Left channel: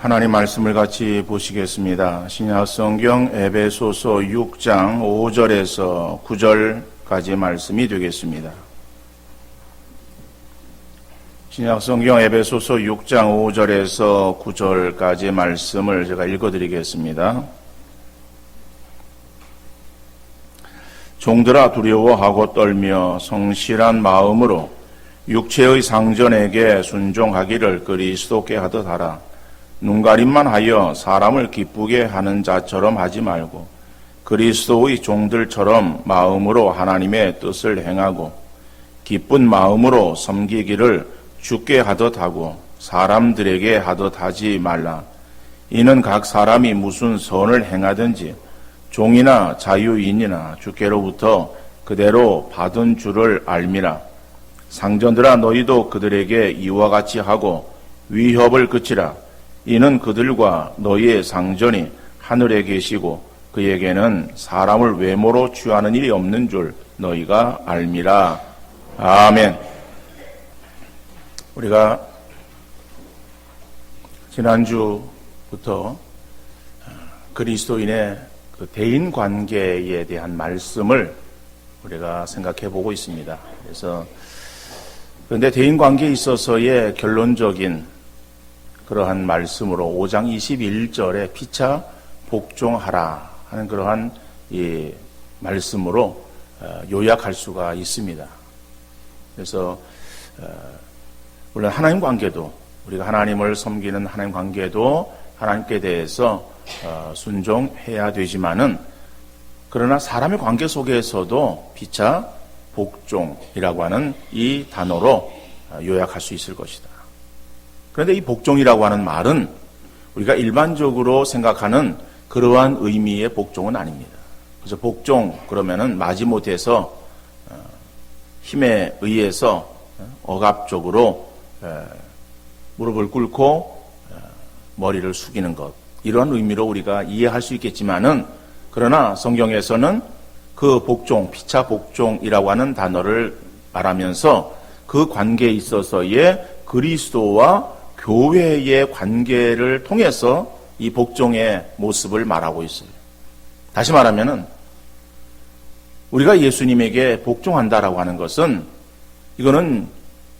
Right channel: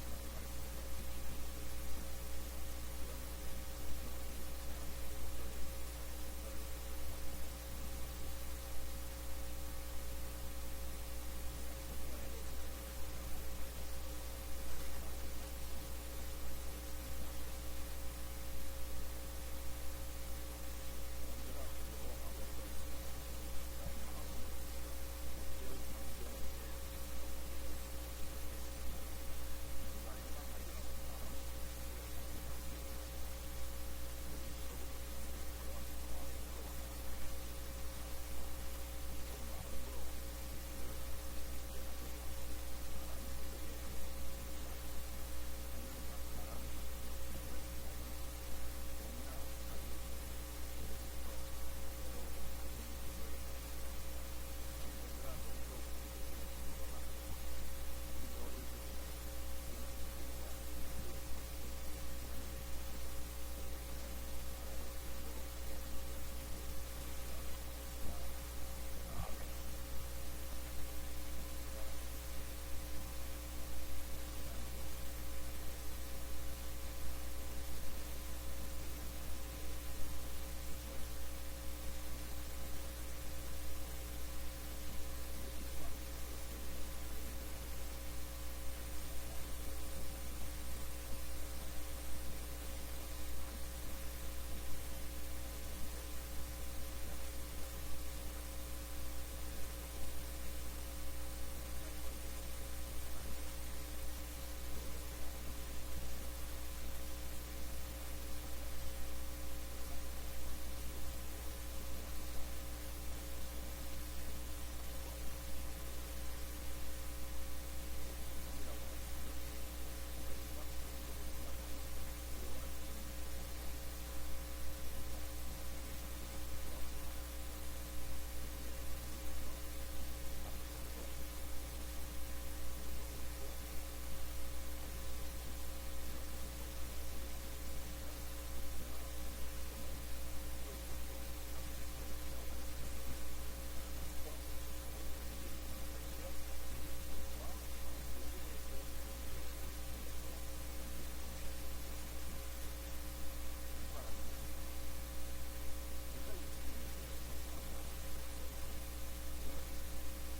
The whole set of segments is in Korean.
하나님 말씀을 같이 보시겠습니다. 신약성경 에베소서 6장 5절에서 9절까지 말씀이 되겠습니다. 신약성경 에베소서 6장 5절에서 9절까지 말씀을 제가 읽어드리겠습니다. 종들아 두려워하고 떨며 성실한 마음으로 육체의 상전에게 순종하기를 그리스도께 하듯 하라. 눈가림만 하여 사람을 기쁘게 하는 자처럼 하지 말고 그리스도의 종들처럼 마음으로 하나님의 뜻을 행하고 기쁜 마음으로 섬기기를 주께 하듯 하고 사람들에게 하듯 하지 말라. 이는 각 사람이 무슨 선을 행하든지 종이나 자유인이나 주께로부터 그대로 받은 줄을 알미라. 상전들아 너희도 그들에게 이와 같이 하고 위협을 그치라. 이는 그들과 너희의 상전이 하늘에 계시고 그에게는 사람을 외모로 취하는 일이 없는 줄 너희가 알미라. 아멘. 우리가 지난주부터 그리스도인의 그 대인 관계에 대한 말씀을 우리가 생각해 보고 있습니다. 그런데 대인 관계에 있어서의 결론적인 그러한 말씀으로 5장 21절에 피차 복종하라 하는 그러한 이 말씀으로 요약할 수가 있습니다. 그래서 물론 하나님 관계도 우리가 하나님을 섬기는 하나님 관계도 하나님께 대해서 순종해야 되지만은 그러나 사람의 관계 속에서도 피차 복종이라고 하는 이 단어로 요약할 수 있을 것이다. 그런데 이 복종이라고 하는 말은 우리가 일반적으로 생각하는 그러한 의미의 복종은 아닙니다. 그래서 복종 그러면은 마지못해서 힘에 의해서 억압적으로 무릎을 꿇고 머리를 숙이는 것, 이러한 의미로 우리가 이해할 수 있겠지만은 그러나 성경에서는 그 복종, 피차 복종이라고 하는 단어를 말하면서 그 관계에 있어서의 그리스도와 교회의 관계를 통해서 이 복종의 모습을 말하고 있어요. 다시 말하면은 우리가 예수님에게 복종한다라고 하는 것은 이거는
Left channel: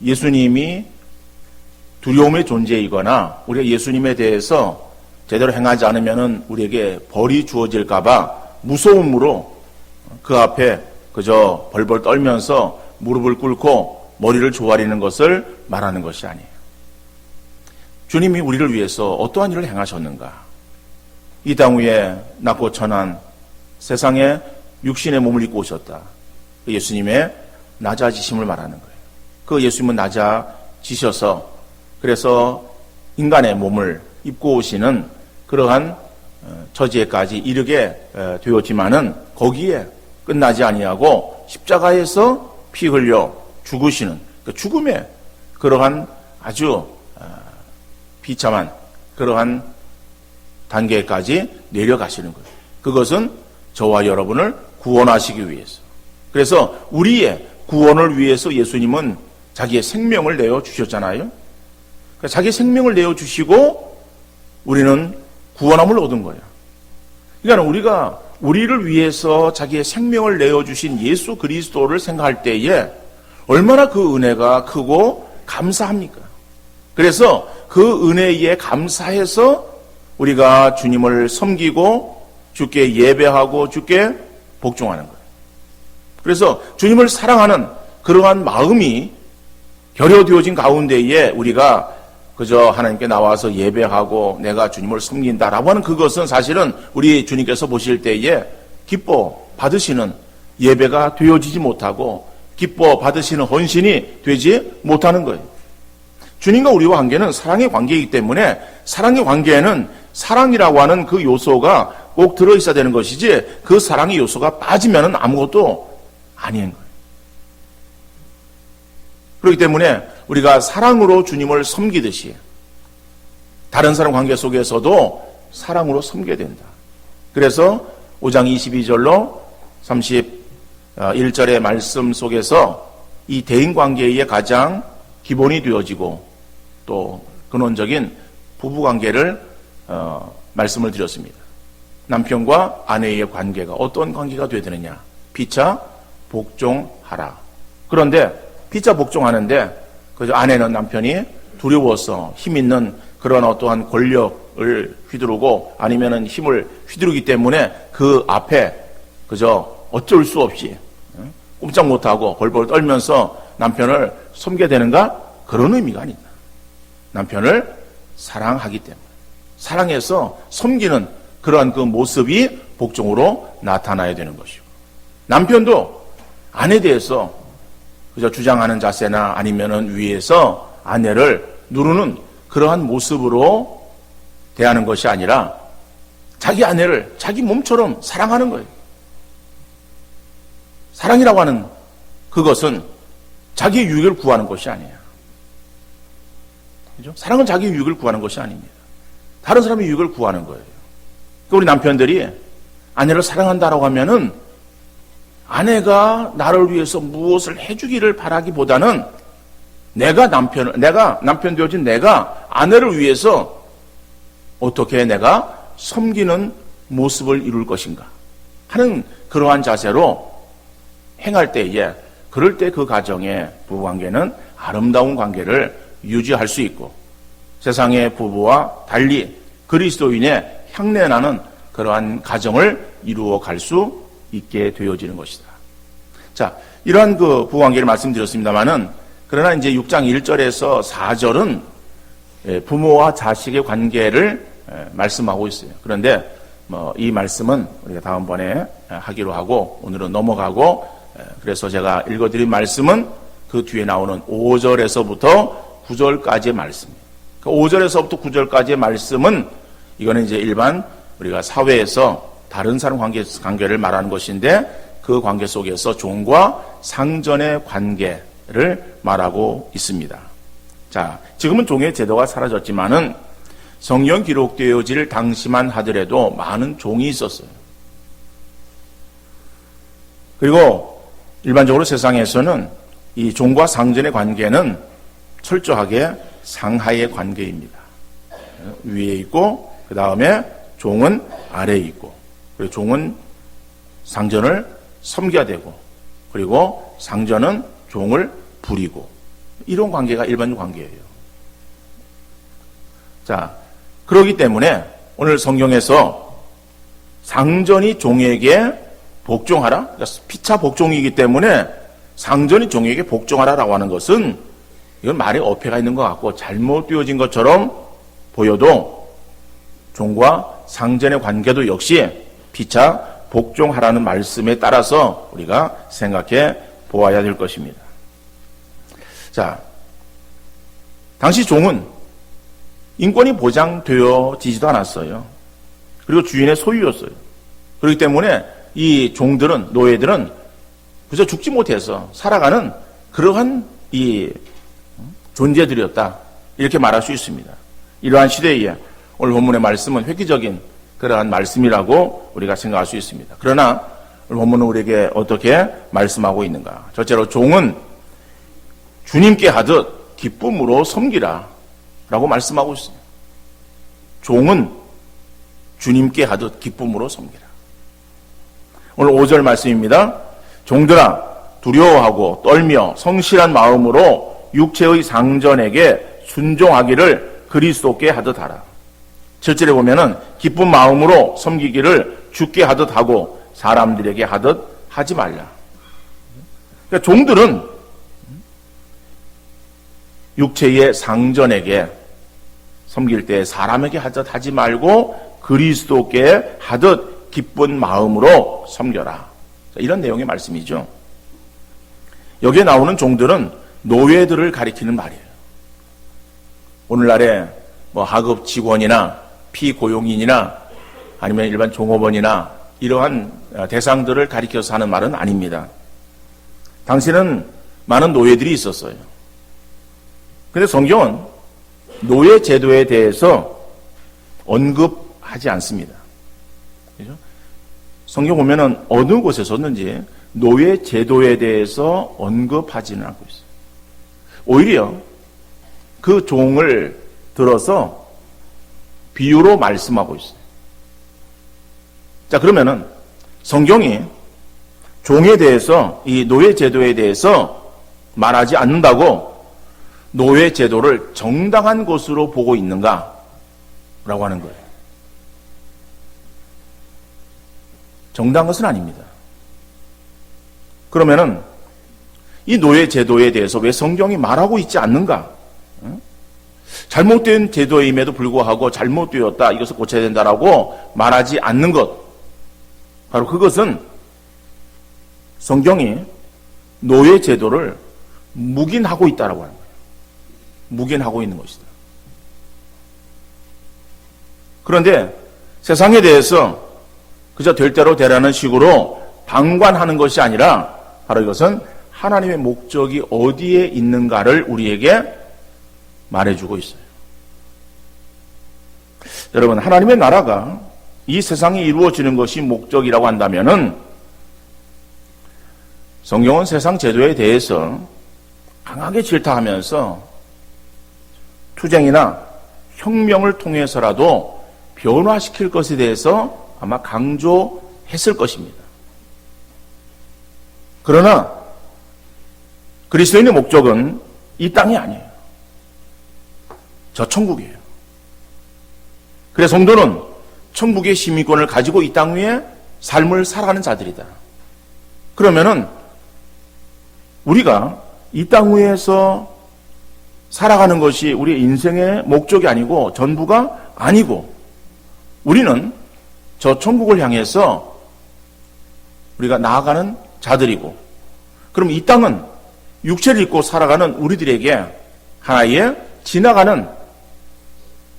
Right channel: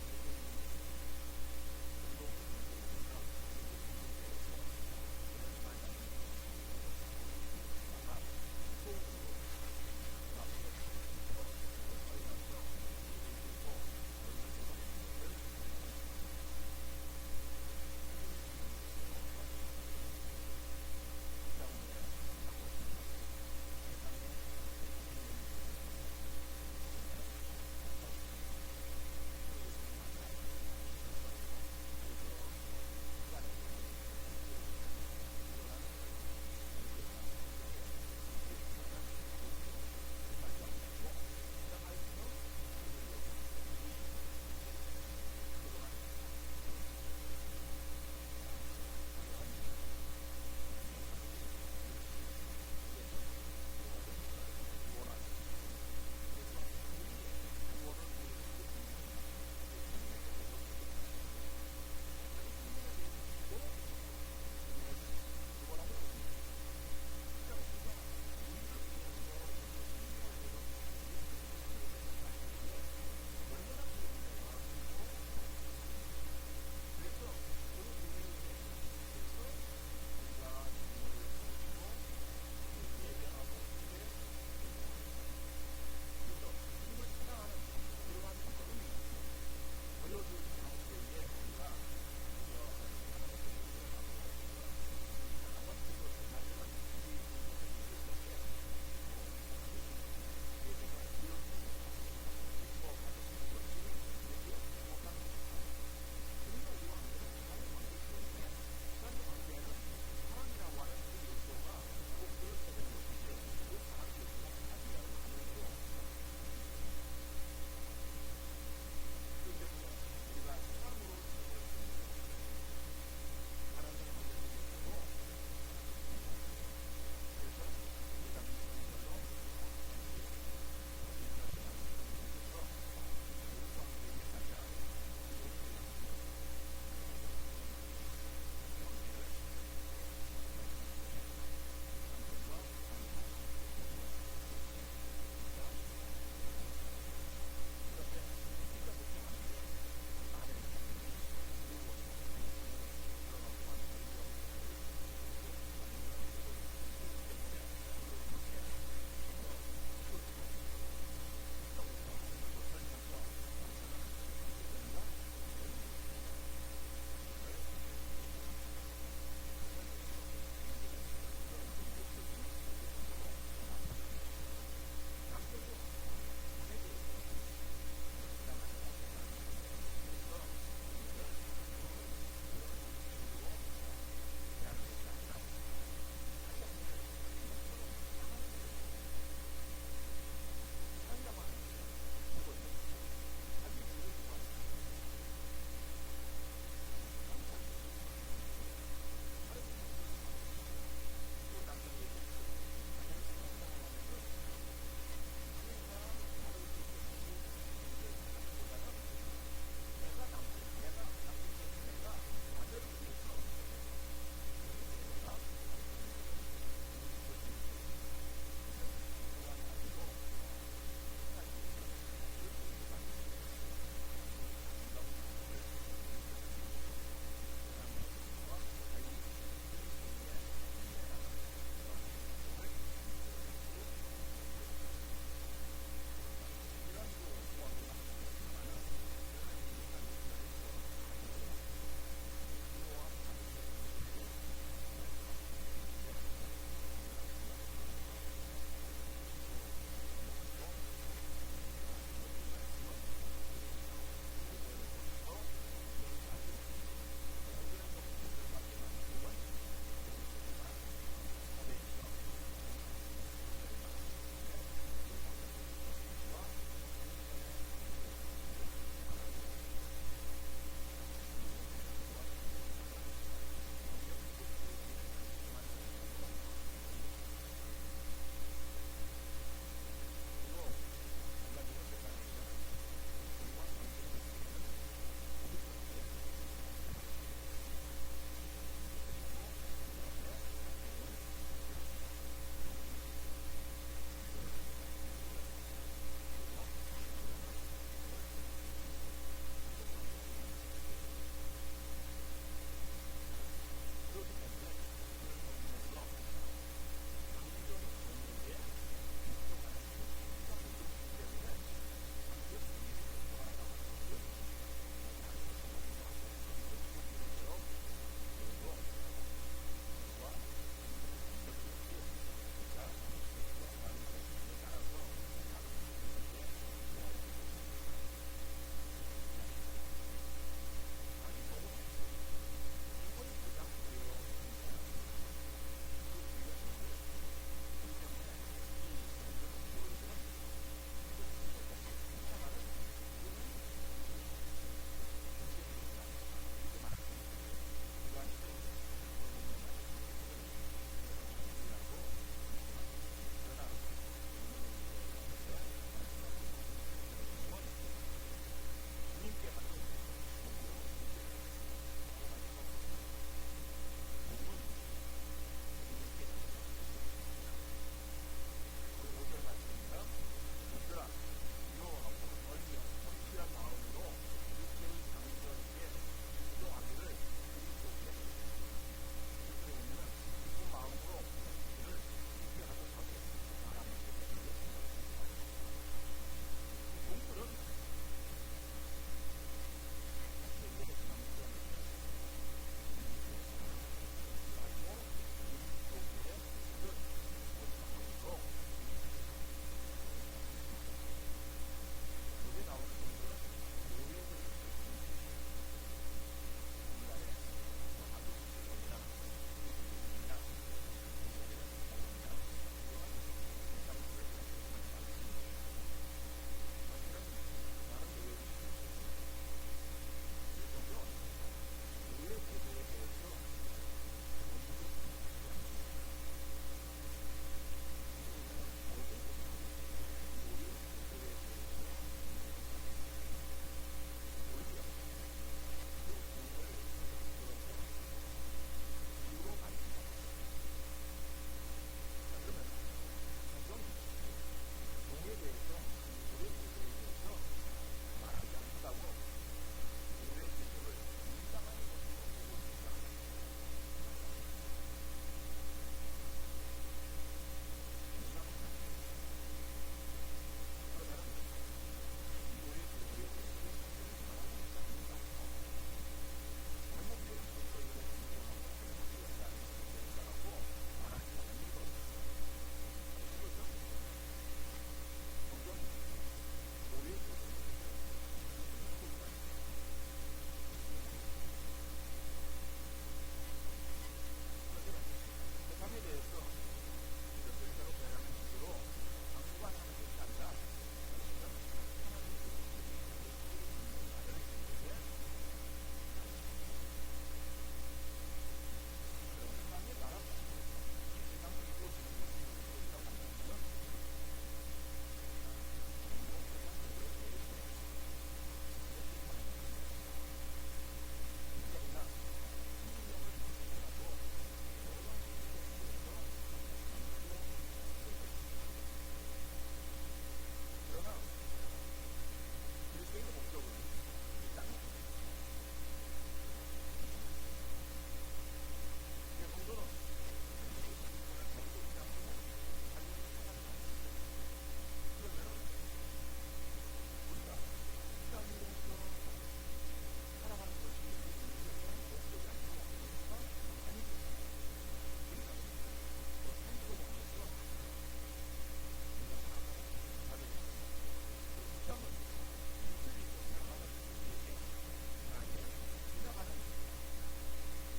예수님이 두려움의 존재이거나 우리가 예수님에 대해서 제대로 행하지 않으면은 우리에게 벌이 주어질까봐 무서움으로 그 앞에 그저 벌벌 떨면서 무릎을 꿇고 머리를 조아리는 것을 말하는 것이 아니에요. 주님이 우리를 위해서 어떠한 일을 행하셨는가? 이 땅 위에 낮고 천한 세상에 육신의 몸을 입고 오셨다. 그 예수님의 낮아지심을 말하는 거예요. 그 예수님은 낮아지셔서 그래서 인간의 몸을 입고 오시는 그러한 처지에까지 이르게 되었지만은 거기에 끝나지 아니하고 십자가에서 피 흘려 죽으시는 그 죽음의 그러한 아주 비참한 그러한 단계까지 내려가시는 거예요. 그것은 저와 여러분을 구원하시기 위해서. 그래서 우리의 구원을 위해서 예수님은 자기의 생명을 내어 주셨잖아요. 그러니까 자기 생명을 내어 주시고 우리는 구원함을 얻은 거예요. 그러니까 우리가 우리를 위해서 자기의 생명을 내어 주신 예수 그리스도를 생각할 때에 얼마나 그 은혜가 크고 감사합니까? 그래서 그 은혜에 감사해서 우리가 주님을 섬기고 주께 예배하고 주께 복종하는 거예요. 그래서 주님을 사랑하는 그러한 마음이 결여되어진 가운데에 우리가 그저 하나님께 나와서 예배하고 내가 주님을 섬긴다라고 하는 그것은 사실은 우리 주님께서 보실 때에 기뻐 받으시는 예배가 되어지지 못하고 기뻐 받으시는 헌신이 되지 못하는 거예요. 주님과 우리와 관계는 사랑의 관계이기 때문에 사랑의 관계에는 사랑이라고 하는 그 요소가 꼭 들어있어야 되는 것이지 그 사랑의 요소가 빠지면 아무것도 아닌 거예요. 그렇기 때문에 우리가 사랑으로 주님을 섬기듯이 다른 사람 관계 속에서도 사랑으로 섬겨야 된다. 그래서 5장 22절로 31절의 말씀 속에서 이 대인관계의 가장 기본이 되어지고 또 근원적인 부부관계를 말씀을 드렸습니다. 남편과 아내의 관계가 어떤 관계가 되어야 되느냐? 피차 복종하라. 그런데 피차 복종하는데 그저 아내는 남편이 두려워서 힘 있는 그런 어떠한 권력을 휘두르고 아니면은 힘을 휘두르기 때문에 그 앞에 그저 어쩔 수 없이 꼼짝 못하고 벌벌 떨면서 남편을 섬게 되는가? 그런 의미가 아니다. 남편을 사랑하기 때문에 사랑해서 섬기는 그러한 그 모습이 복종으로 나타나야 되는 것이고, 남편도 아내에 대해서 그저 주장하는 자세나 아니면은 위에서 아내를 누르는 그러한 모습으로 대하는 것이 아니라 자기 아내를 자기 몸처럼 사랑하는 거예요. 사랑이라고 하는 그것은 자기의 유익을 구하는 것이 아니에요. 그죠? 사랑은 자기의 유익을 구하는 것이 아닙니다. 다른 사람의 유익을 구하는 거예요. 그러니까 우리 남편들이 아내를 사랑한다라고 하면은 아내가 나를 위해서 무엇을 해주기를 바라기보다는 내가 남편 되어진 내가 아내를 위해서 어떻게 내가 섬기는 모습을 이룰 것인가 하는 그러한 자세로 행할 때에, 그럴 때 그 가정의 부부관계는 아름다운 관계를 유지할 수 있고 세상의 부부와 달리 그리스도인의 향내나는 그러한 가정을 이루어 갈 수 있게 되어지는 것이다. 자, 이러한 그 부부관계를 말씀드렸습니다만은, 그러나 이제 6장 1절에서 4절은 부모와 자식의 관계를 말씀하고 있어요. 그런데 이 말씀은 우리가 다음번에 하기로 하고 오늘은 넘어가고, 그래서 제가 읽어드린 말씀은 그 뒤에 나오는 5절에서부터 9절까지의 말씀. 그 5절에서부터 9절까지의 말씀은 이거는 이제 일반 우리가 사회에서 다른 사람 관계를 말하는 것인데, 그 관계 속에서 종과 상전의 관계를 말하고 있습니다. 자, 지금은 종의 제도가 사라졌지만은 성경 기록되어질 당시만 하더라도 많은 종이 있었어요. 그리고 일반적으로 세상에서는 이 종과 상전의 관계는 철저하게 상하의 관계입니다. 위에 있고 그 다음에 종은 아래에 있고, 그리고 종은 상전을 섬겨야 되고, 그리고 상전은 종을 부리고, 이런 관계가 일반적 관계예요. 자, 그렇기 때문에 오늘 성경에서 상전이 종에게 복종하라, 그러니까 피차 복종이기 때문에 상전이 종에게 복종하라라고 하는 것은 이건 말에 어폐가 있는 것 같고 잘못되어진 것처럼 보여도 종과 상전의 관계도 역시 피차 복종하라는 말씀에 따라서 우리가 생각해 보아야 될 것입니다. 자, 당시 종은 인권이 보장되어지지도 않았어요. 그리고 주인의 소유였어요. 그렇기 때문에 이 종들은, 노예들은 그저 죽지 못해서 살아가는 그러한 이 존재들이었다, 이렇게 말할 수 있습니다. 이러한 시대에 오늘 본문의 말씀은 획기적인 그러한 말씀이라고 우리가 생각할 수 있습니다. 그러나 오늘 본문은 우리에게 어떻게 말씀하고 있는가? 첫째로 종은 주님께 하듯 기쁨으로 섬기라 라고 말씀하고 있습니다. 종은 주님께 하듯 기쁨으로 섬기라. 오늘 5절 말씀입니다. 종들아, 두려워하고 떨며 성실한 마음으로 육체의 상전에게 순종하기를 그리스도께 하듯 하라. 7절에 보면은 기쁜 마음으로 섬기기를 주께 하듯 하고 사람들에게 하듯 하지 말라. 그러니까 종들은 육체의 상전에게 섬길 때 사람에게 하듯 하지 말고 그리스도께 하듯 기쁜 마음으로 섬겨라. 이런 내용의 말씀이죠. 여기에 나오는 종들은 노예들을 가리키는 말이에요. 오늘날의 하급 직원이나 피고용인이나 아니면 일반 종업원이나 이러한 대상들을 가리켜서 하는 말은 아닙니다. 당시에는 많은 노예들이 있었어요. 그런데 성경은 노예 제도에 대해서 언급하지 않습니다. 그죠? 성경 보면은 어느 곳에서든지 노예 제도에 대해서 언급하지는 않고 있어요. 오히려 그 종을 들어서 비유로 말씀하고 있어요. 자, 그러면은 성경이 종에 대해서, 이 노예 제도에 대해서 말하지 않는다고 노예 제도를 정당한 것으로 보고 있는가? 라고 하는 거예요. 정당한 것은 아닙니다. 그러면은 이 노예 제도에 대해서 왜 성경이 말하고 있지 않는가? 잘못된 제도임에도 불구하고 잘못되었다, 이것을 고쳐야 된다라고 말하지 않는 것, 바로 그것은 성경이 노예 제도를 묵인하고 있다라고 합니다. 묵인하고 있는 것이다. 그런데 세상에 대해서 그저 될 대로 되라는 식으로 방관하는 것이 아니라 바로 이것은 하나님의 목적이 어디에 있는가를 우리에게 말해주고 있어요. 여러분, 하나님의 나라가 이 세상에 이루어지는 것이 목적이라고 한다면은 성경은 세상 제도에 대해서 강하게 질타하면서 투쟁이나 혁명을 통해서라도 변화시킬 것에 대해서 아마 강조했을 것입니다. 그러나 그리스도인의 목적은 이 땅이 아니에요. 저 천국이에요. 그래서 성도는 천국의 시민권을 가지고 이 땅 위에 삶을 살아가는 자들이다. 그러면은 우리가 이 땅 위에서 살아가는 것이 우리의 인생의 목적이 아니고 전부가 아니고 우리는 저 천국을 향해서 우리가 나아가는 자들이고, 그럼 이 땅은 육체를 입고 살아가는 우리들에게 하나의 지나가는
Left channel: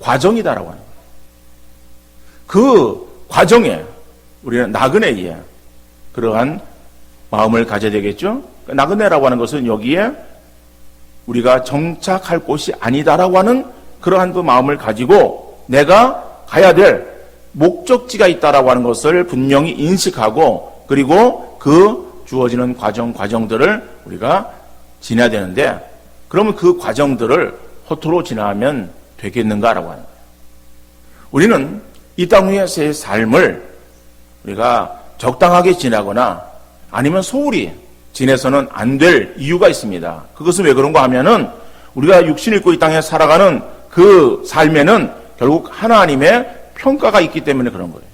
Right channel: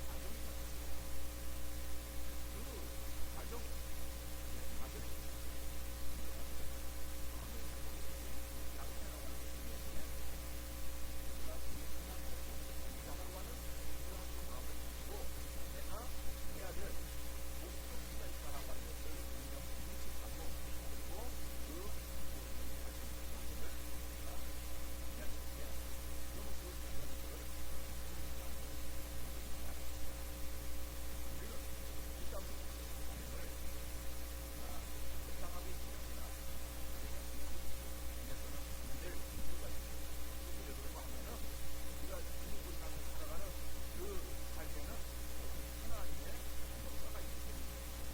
과정이다라고 합니다. 그 과정에 우리는 나그네의 그러한 마음을 가져야 되겠죠. 나그네라고 하는 것은 여기에 우리가 정착할 곳이 아니다라고 하는 그러한 그 마음을 가지고 내가 가야 될 목적지가 있다라고 하는 것을 분명히 인식하고, 그리고 그 주어지는 과정들을 우리가 지나야 되는데, 그러면 그 과정들을 허투루 지나면 되겠는가라고 합니다. 우리는 이 땅 위에서의 삶을 우리가 적당하게 지나거나 아니면 소홀히 지내서는 안 될 이유가 있습니다. 그것은 왜 그런가 하면은 우리가 육신을 입고 이 땅에 살아가는 그 삶에는 결국 하나님의 평가가 있기 때문에 그런 거예요.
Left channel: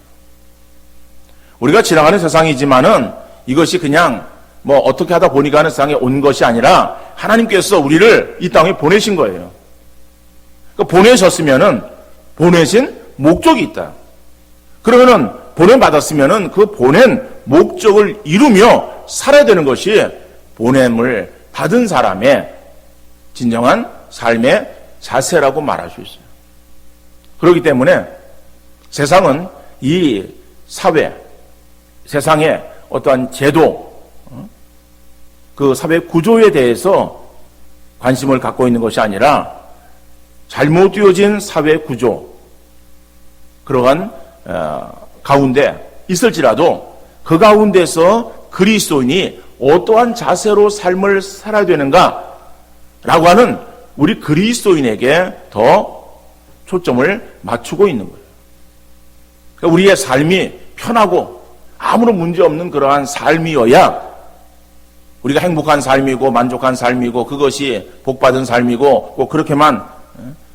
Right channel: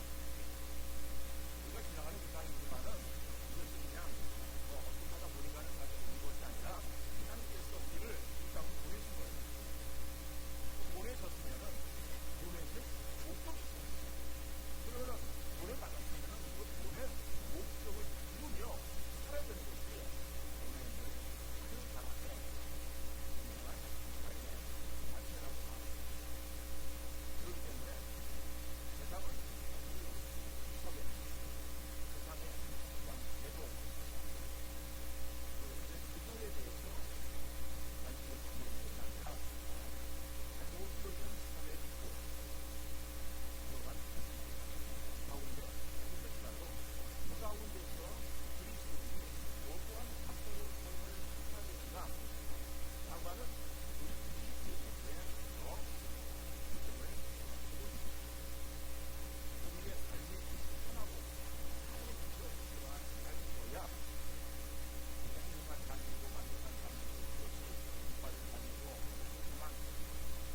우리가 지나가는 세상이지만은 이것이 그냥 뭐 어떻게 하다 보니까 하는 세상에 온 것이 아니라 하나님께서 우리를 이 땅에 보내신 거예요. 그러니까 보내셨으면은 보내신 목적이 있다. 그러면은 보냄받았으면은 그 보낸 목적을 이루며 살아야 되는 것이 보냄을 받은 사람의 진정한 삶의 자세라고 말할 수 있어요. 그렇기 때문에 세상은 이 사회, 세상의 어떠한 제도, 그 사회 구조에 대해서 관심을 갖고 있는 것이 아니라 잘못되어진 사회 구조, 그러한 가운데 있을지라도 그 가운데서 그리스도인이 어떠한 자세로 삶을 살아야 되는가 라고 하는 우리 그리스도인에게 더 초점을 맞추고 있는 거예요. 그러니까 우리의 삶이 편하고 아무런 문제 없는 그러한 삶이어야 우리가 행복한 삶이고 만족한 삶이고 그것이 복받은 삶이고 꼭 그렇게만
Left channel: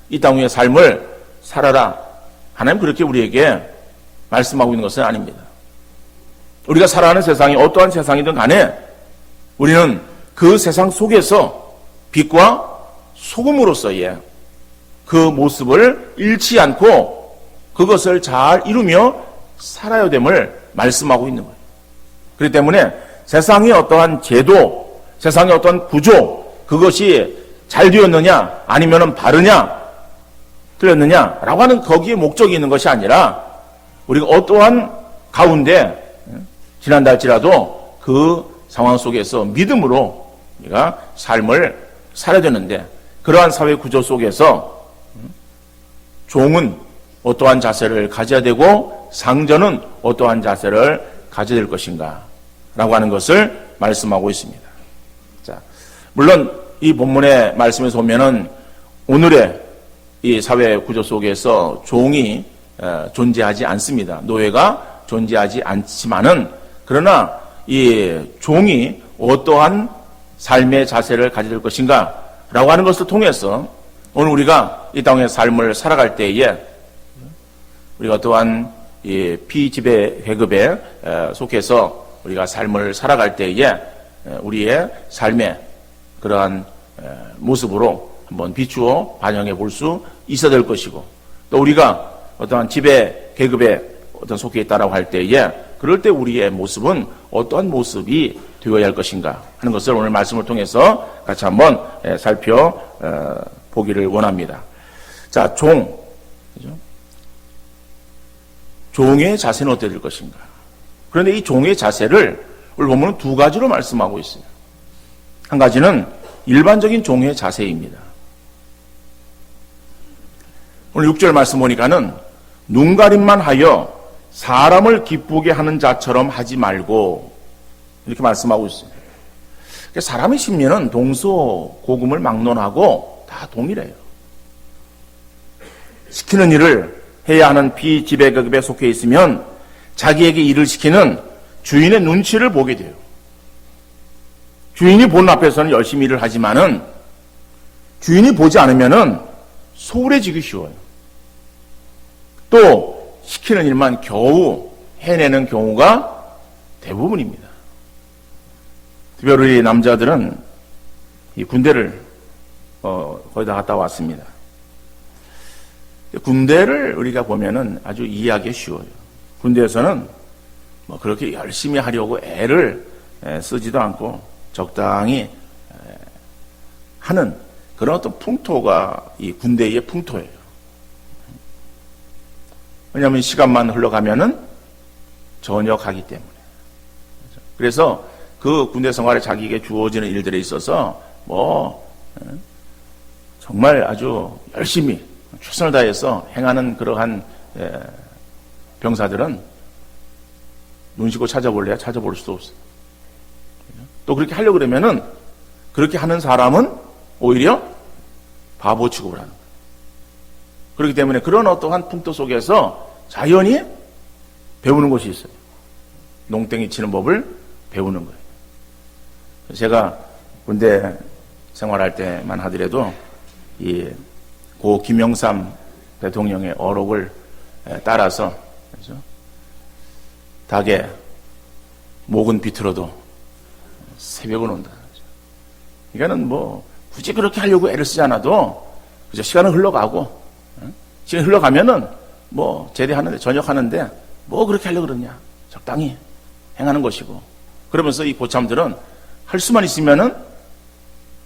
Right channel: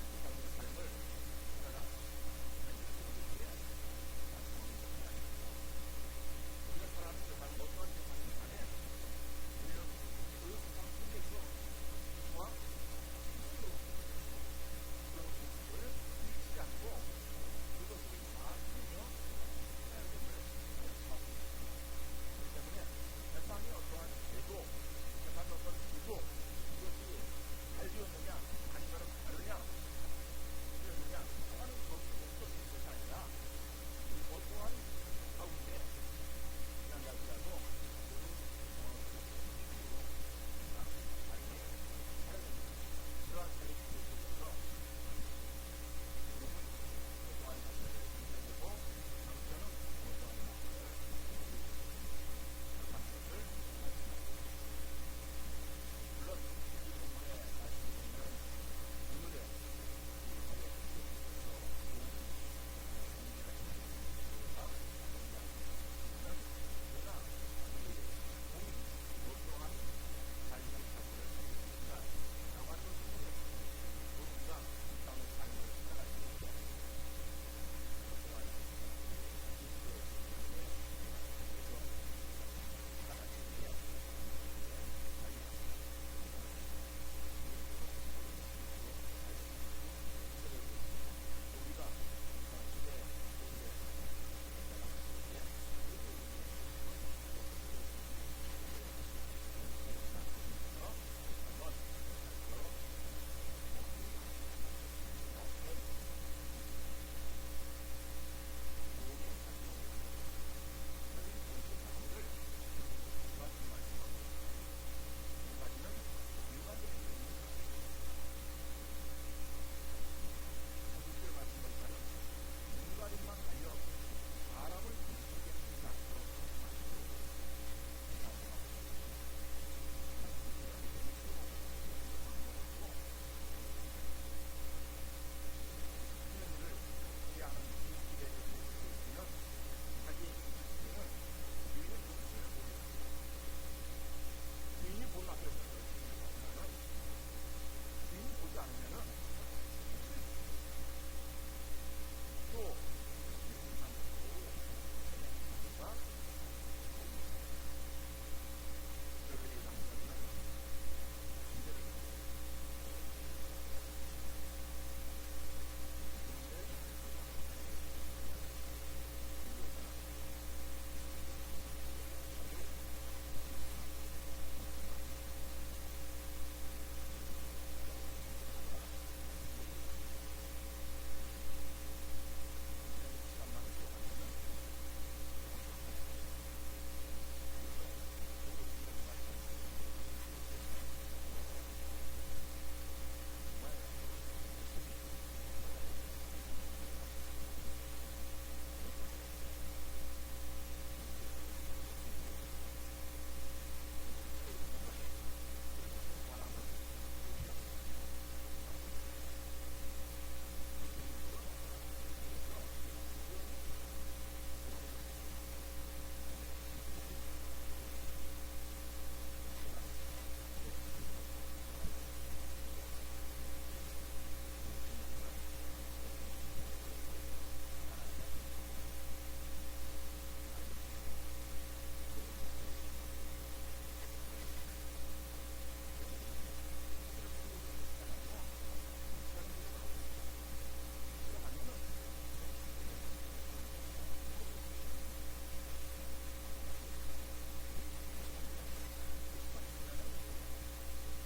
이 땅 위의 삶을 살아라, 하나님 그렇게 우리에게 말씀하고 있는 것은 아닙니다. 우리가 살아가는 세상이 어떠한 세상이든 간에 우리는 그 세상 속에서 빛과 소금으로서의 그 모습을 잃지 않고 그것을 잘 이루며 살아야 됨을 말씀하고 있는 거예요. 그렇기 때문에 세상의 어떠한 제도, 세상의 어떠한 구조, 그것이 잘 되었느냐 아니면 바르냐 틀렸느냐라고 하는 거기에 목적이 있는 것이 아니라 우리가 어떠한 가운데 지난달지라도 그 상황 속에서 믿음으로 우리가 삶을 살아야 되는데, 그러한 사회 구조 속에서 종은 어떠한 자세를 가져야 되고 상전은 어떠한 자세를 가져야 될 것인가 라고 하는 것을 말씀하고 있습니다. 자, 물론 이 본문의 말씀에서 보면은 오늘의 이 사회 구조 속에서 종이 존재하지 않습니다. 노예가 존재하지 않지만은 그러나 이 종이 어떠한 삶의 자세를 가져야 될 것인가 라고 하는 것을 통해서 오늘 우리가 이 땅의 삶을 살아갈 때에 우리가 또한 이 피지배 계급에 속해서 우리가 삶을 살아갈 때에 우리의 삶의 그러한 모습으로 한번 비추어 반영해 볼 수 있어야 될 것이고, 또 우리가 어떠한 지배 계급에 어떤 속해 있다라고 할 때에 그럴 때 우리의 모습은 어떠한 모습이 되어야 할 것인가 하는 것을 오늘 말씀을 통해서 같이 한번 살펴보기를 원합니다. 자, 종의 자세는 어떻게 될 것인가? 그런데 이 종의 자세를 오늘 보면 두 가지로 말씀하고 있어요. 한 가지는 일반적인 종의 자세입니다. 오늘 6절 말씀 보니까는 눈가림만 하여 사람을 기쁘게 하는 자처럼 하지 말고 이렇게 말씀하고 있습니다. 사람의 심리는 동서고금을 막론하고 다 동일해요. 시키는 일을 해야 하는 비지배계급에 속해 있으면 자기에게 일을 시키는 주인의 눈치를 보게 돼요. 주인이 보는 앞에서는 열심히 일을 하지만은 주인이 보지 않으면은 소홀해지기 쉬워요. 또 시키는 일만 겨우 해내는 경우가 대부분입니다. 특별히 남자들은 이 군대를 거의 다 갔다 왔습니다. 군대를 우리가 보면은 아주 이해하기 쉬워요. 군대에서는 뭐 그렇게 열심히 하려고 애를 쓰지도 않고 적당히 하는 그런 어떤 풍토가 이 군대의 풍토예요. 왜냐하면 시간만 흘러가면은 전역하기 때문에. 그래서 그 군대 생활에 자기에게 주어지는 일들에 있어서 정말 아주 열심히 최선을 다해서 행하는 그러한 병사들은 눈 씻고 찾아볼래야 찾아볼 수도 없어요. 또 그렇게 하려고 그러면은 그렇게 하는 사람은 오히려 바보 취급을 하는 거예요. 그렇기 때문에 그런 어떠한 풍토 속에서 자연히 배우는 것이 있어요. 농땡이 치는 법을 배우는 거예요. 제가 군대 생활할 때만 하더라도 고 김영삼 대통령의 어록을 따라서 닭에 목은 비틀어도 새벽은 온다. 이거는 뭐 굳이 그렇게 하려고 애를 쓰지 않아도 그저 시간은 흘러가고, 시간이 흘러가면은 뭐 제대하는데 전역하는데 뭐 그렇게 하려고 그러냐, 적당히 행하는 것이고, 그러면서 이 고참들은 할 수만 있으면은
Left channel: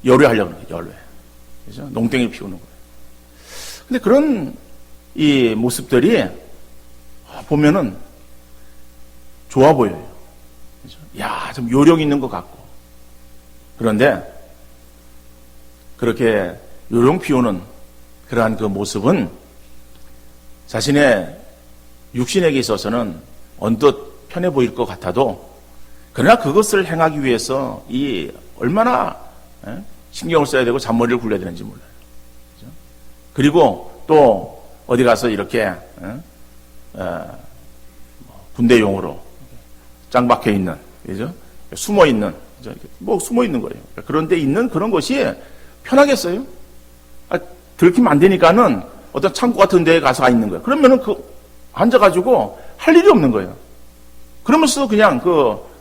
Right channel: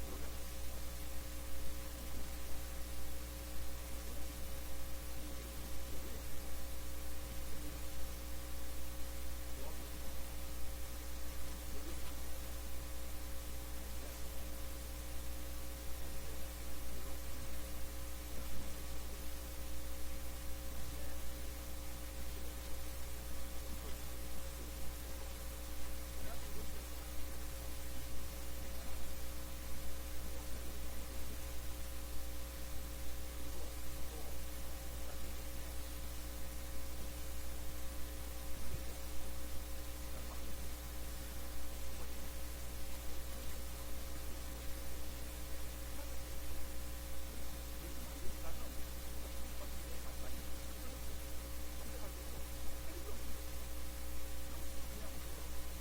열외하려고 그러는 거예요. 열외. 그죠? 농땡이를 피우는 거예요. 근데 그런 이 모습들이 보면은 좋아 보여요. 그죠? 야, 좀 요령 있는 것 같고. 그런데 그렇게 요령 피우는 그러한 그 모습은 자신의 육신에게 있어서는 언뜻 편해 보일 것 같아도, 그러나 그것을 행하기 위해서 얼마나 신경을 써야 되고 잔머리를 굴려야 되는지 몰라요. 그죠? 그리고 또 어디 가서 이렇게 군대용으로 짱 박혀 있는, 그죠? 숨어 있는, 뭐 숨어 있는 거예요. 그런데 있는 그런 것이 편하겠어요? 들키면 안 되니까는 어떤 창고 같은 데에 가서 있는 거예요. 그러면은 앉아가지고 할 일이 없는 거예요. 그러면서 그냥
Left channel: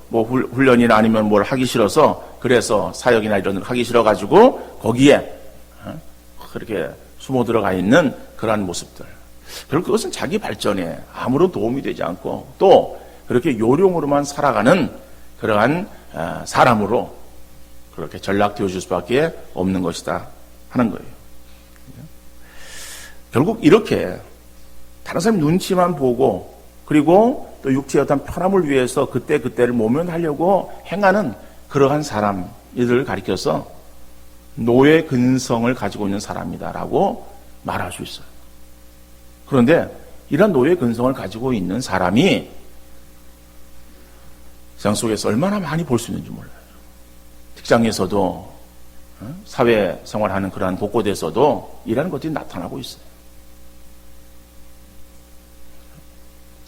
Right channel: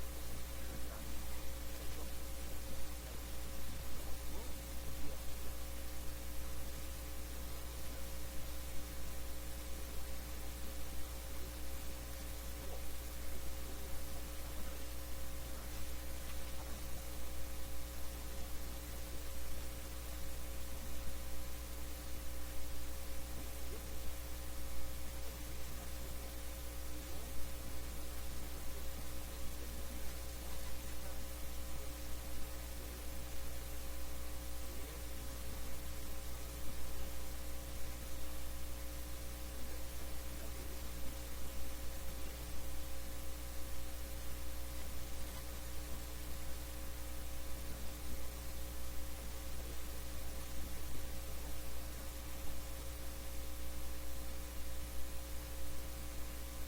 뭐 훈련이나 아니면 뭘 하기 싫어서, 그래서 사역이나 이런 걸 하기 싫어가지고 거기에 그렇게 숨어 들어가 있는 그러한 모습들. 결국 그것은 자기 발전에 아무런 도움이 되지 않고, 또 그렇게 요령으로만 살아가는 그러한 사람으로 그렇게 전락되어질 수밖에 없는 것이다 하는 거예요. 결국 이렇게 다른 사람 눈치만 보고, 그리고 또 육체의 어떤 편함을 위해서 그때를 모면하려고 행하는 그러한 사람들을 가리켜서 노예 근성을 가지고 있는 사람이다라고 말할 수 있어요. 그런데 이런 노예 근성을 가지고 있는 사람이 세상 속에서 얼마나 많이 볼 수 있는지 몰라요. 직장에서도, 사회생활하는 그러한 곳곳에서도 이라는 것들이 나타나고 있어요.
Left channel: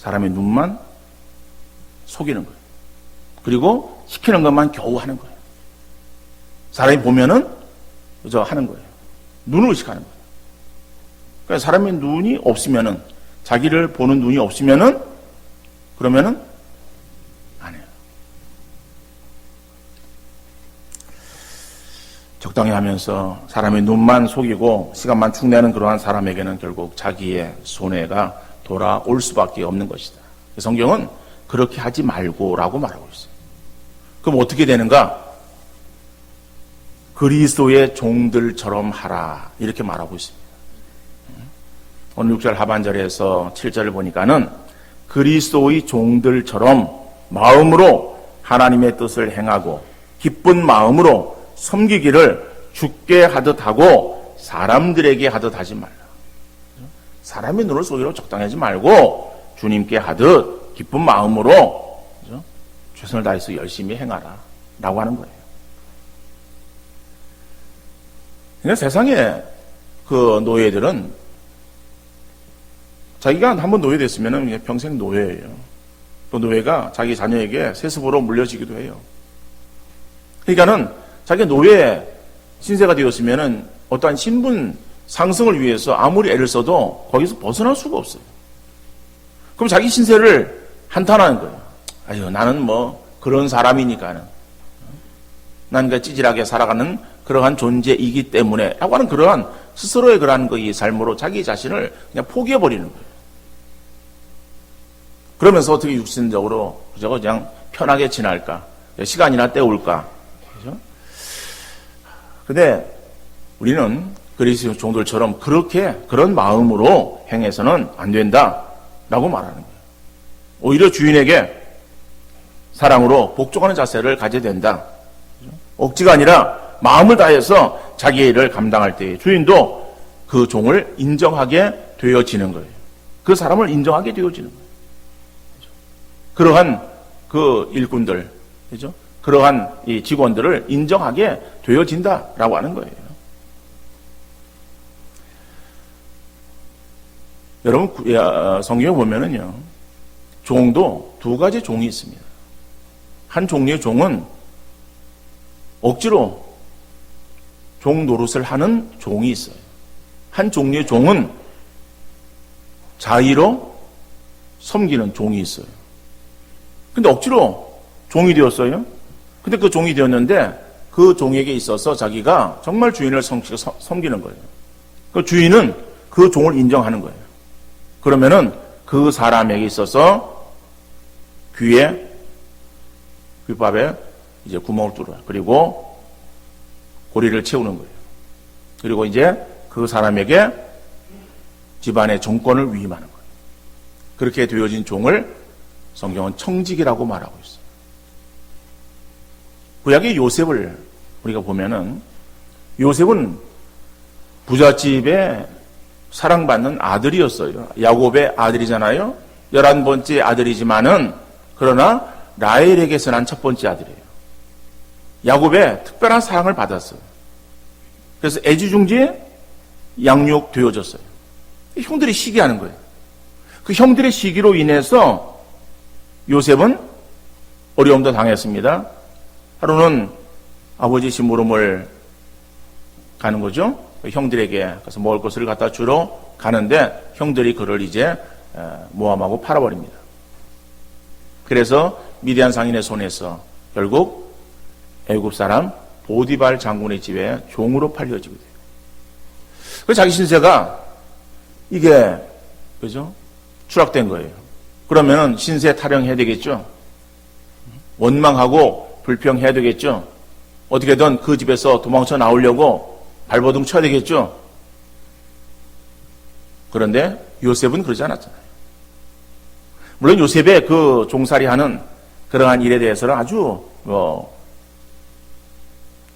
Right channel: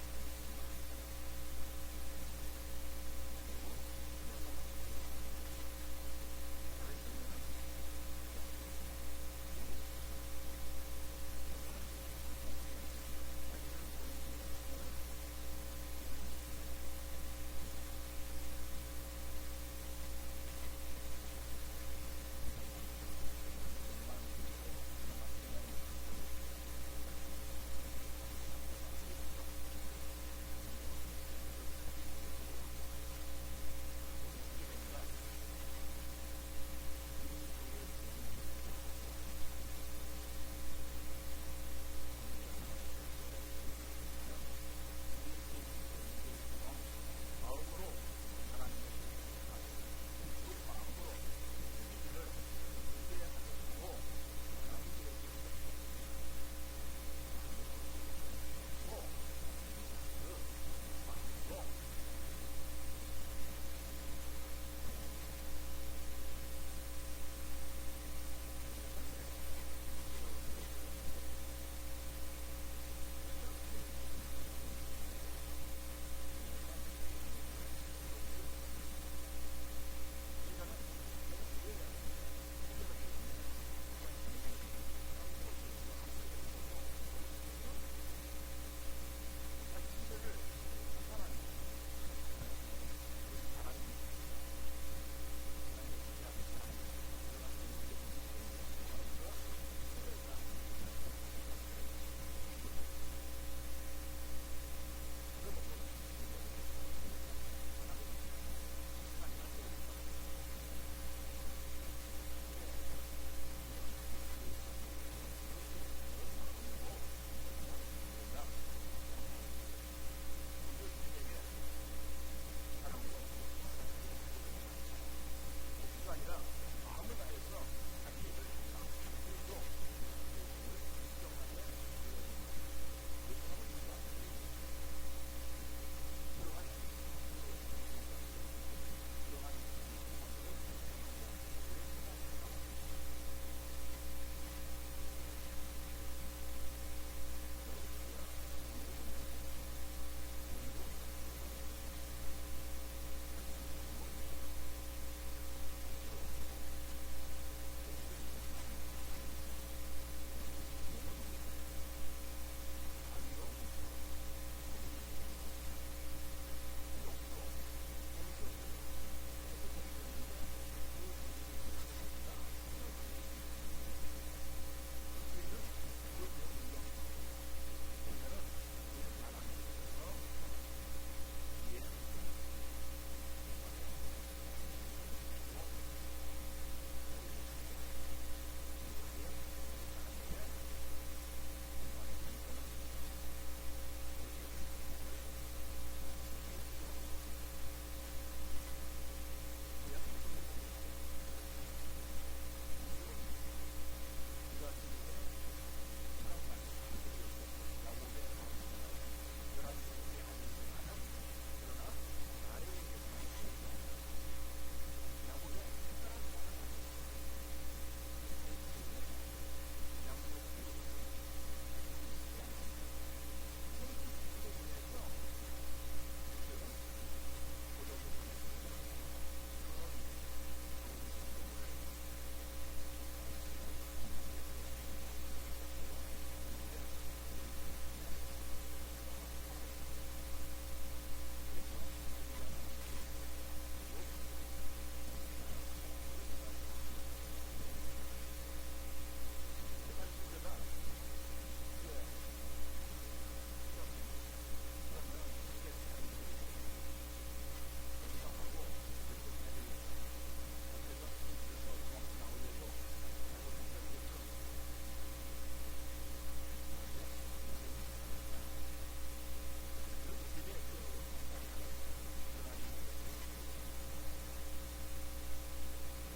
사람의 눈만 속이는 거예요. 그리고 시키는 것만 겨우 하는 거예요. 사람이 보면은 그저 하는 거예요. 눈을 의식하는 거예요. 그러니까 사람의 눈이 없으면은, 자기를 보는 눈이 없으면은, 그러면은 안 해요. 적당히 하면서 사람의 눈만 속이고 시간만 축내는 그러한 사람에게는 결국 자기의 손해가 돌아올 수밖에 없는 것이다. 성경은 그렇게 하지 말고라고 말하고 있어요. 그럼 어떻게 되는가? 그리스도의 종들처럼 하라, 이렇게 말하고 있습니다. 오늘 6절 하반절에서 7절을 보니까는 그리스도의 종들처럼 마음으로 하나님의 뜻을 행하고 기쁜 마음으로 섬기기를 주께 하듯 하고 사람들에게 하듯 하지 말라. 사람의 눈을 속이려 적당히 하지 말고 주님께 하듯 기쁜 마음으로, 그죠? 최선을 다해서 열심히 행하라 라고 하는 거예요. 그러니까 세상에 그 노예들은 자기가 한번 노예됐으면 평생 노예예요. 그 노예가 자기 자녀에게 세습으로 물려지기도 해요. 그러니까는 자기가 노예 신세가 되었으면은 어떠한 신분 상승을 위해서 아무리 애를 써도 거기서 벗어날 수가 없어요. 그럼 자기 신세를 한탄하는 거예요. 아유, 나는 뭐 그런 사람이니까는, 난 그 찌질하게 살아가는 그러한 존재이기 때문에 라고 하는 그러한 스스로의 그러한 그 이 삶으로 자기 자신을 그냥 포기해버리는 거예요. 그러면서 어떻게 육신적으로 그냥 편하게 지날까? 시간이나 때울까? 그죠? 근데 우리는 그리스도 종들처럼 그런 마음으로 행해서는 안 된다라고 말하는 거예요. 오히려 주인에게 사랑으로 복종하는 자세를 가져야 된다. 억지가 아니라 마음을 다해서 자기의 일을 감당할 때 주인도 그 종을 인정하게 되어지는 거예요. 그 사람을 인정하게 되어지는 거예요. 그러한 그 일꾼들, 그죠? 그러한 이 직원들을 인정하게 되어진다라고 하는 거예요. 여러분, 성경에 보면은요, 종도 두 가지 종이 있습니다. 한 종류의 종은 억지로 종 노릇을 하는 종이 있어요. 한 종류의 종은 자의로 섬기는 종이 있어요. 근데 억지로 종이 되었어요. 근데 그 종이 되었는데 그 종에게 있어서 자기가 정말 주인을 섬기는 거예요. 그 주인은 그 종을 인정하는 거예요. 그러면은 그 사람에게 있어서 귓밥에 이제 구멍을 뚫어요. 그리고 고리를 채우는 거예요. 그리고 이제 그 사람에게 집안의 정권을 위임하는 거예요. 그렇게 되어진 종을 성경은 청직이라고 말하고 있어요. 구약의 요셉을 우리가 보면은 요셉은 부잣집에 사랑받는 아들이었어요. 야곱의 아들이잖아요. 11번째 아들이지만은 그러나 라헬에게서 난 첫 번째 아들이에요. 야곱의 특별한 사랑을 받았어요. 그래서 애지중지에 양육되어졌어요. 형들이 시기하는 거예요. 그 형들의 시기로 인해서 요셉은 어려움도 당했습니다. 하루는 아버지 심부름을 가는 거죠. 형들에게 가서 먹을 것을 갖다 주러 가는데 형들이 그를 이제 모함하고 팔아버립니다. 그래서 미디안 상인의 손에서 결국 애굽 사람 보디발 장군의 집에 종으로 팔려지게 돼요. 그 자기 신세가 이게 그죠? 추락된 거예요. 그러면 신세 타령해야 되겠죠. 원망하고 불평해야 되겠죠. 어떻게든 그 집에서 도망쳐 나오려고 발버둥 쳐야 되겠죠. 그런데 요셉은 그러지 않았잖아요. 물론 요셉의 그 종살이하는 그러한 일에 대해서는 아주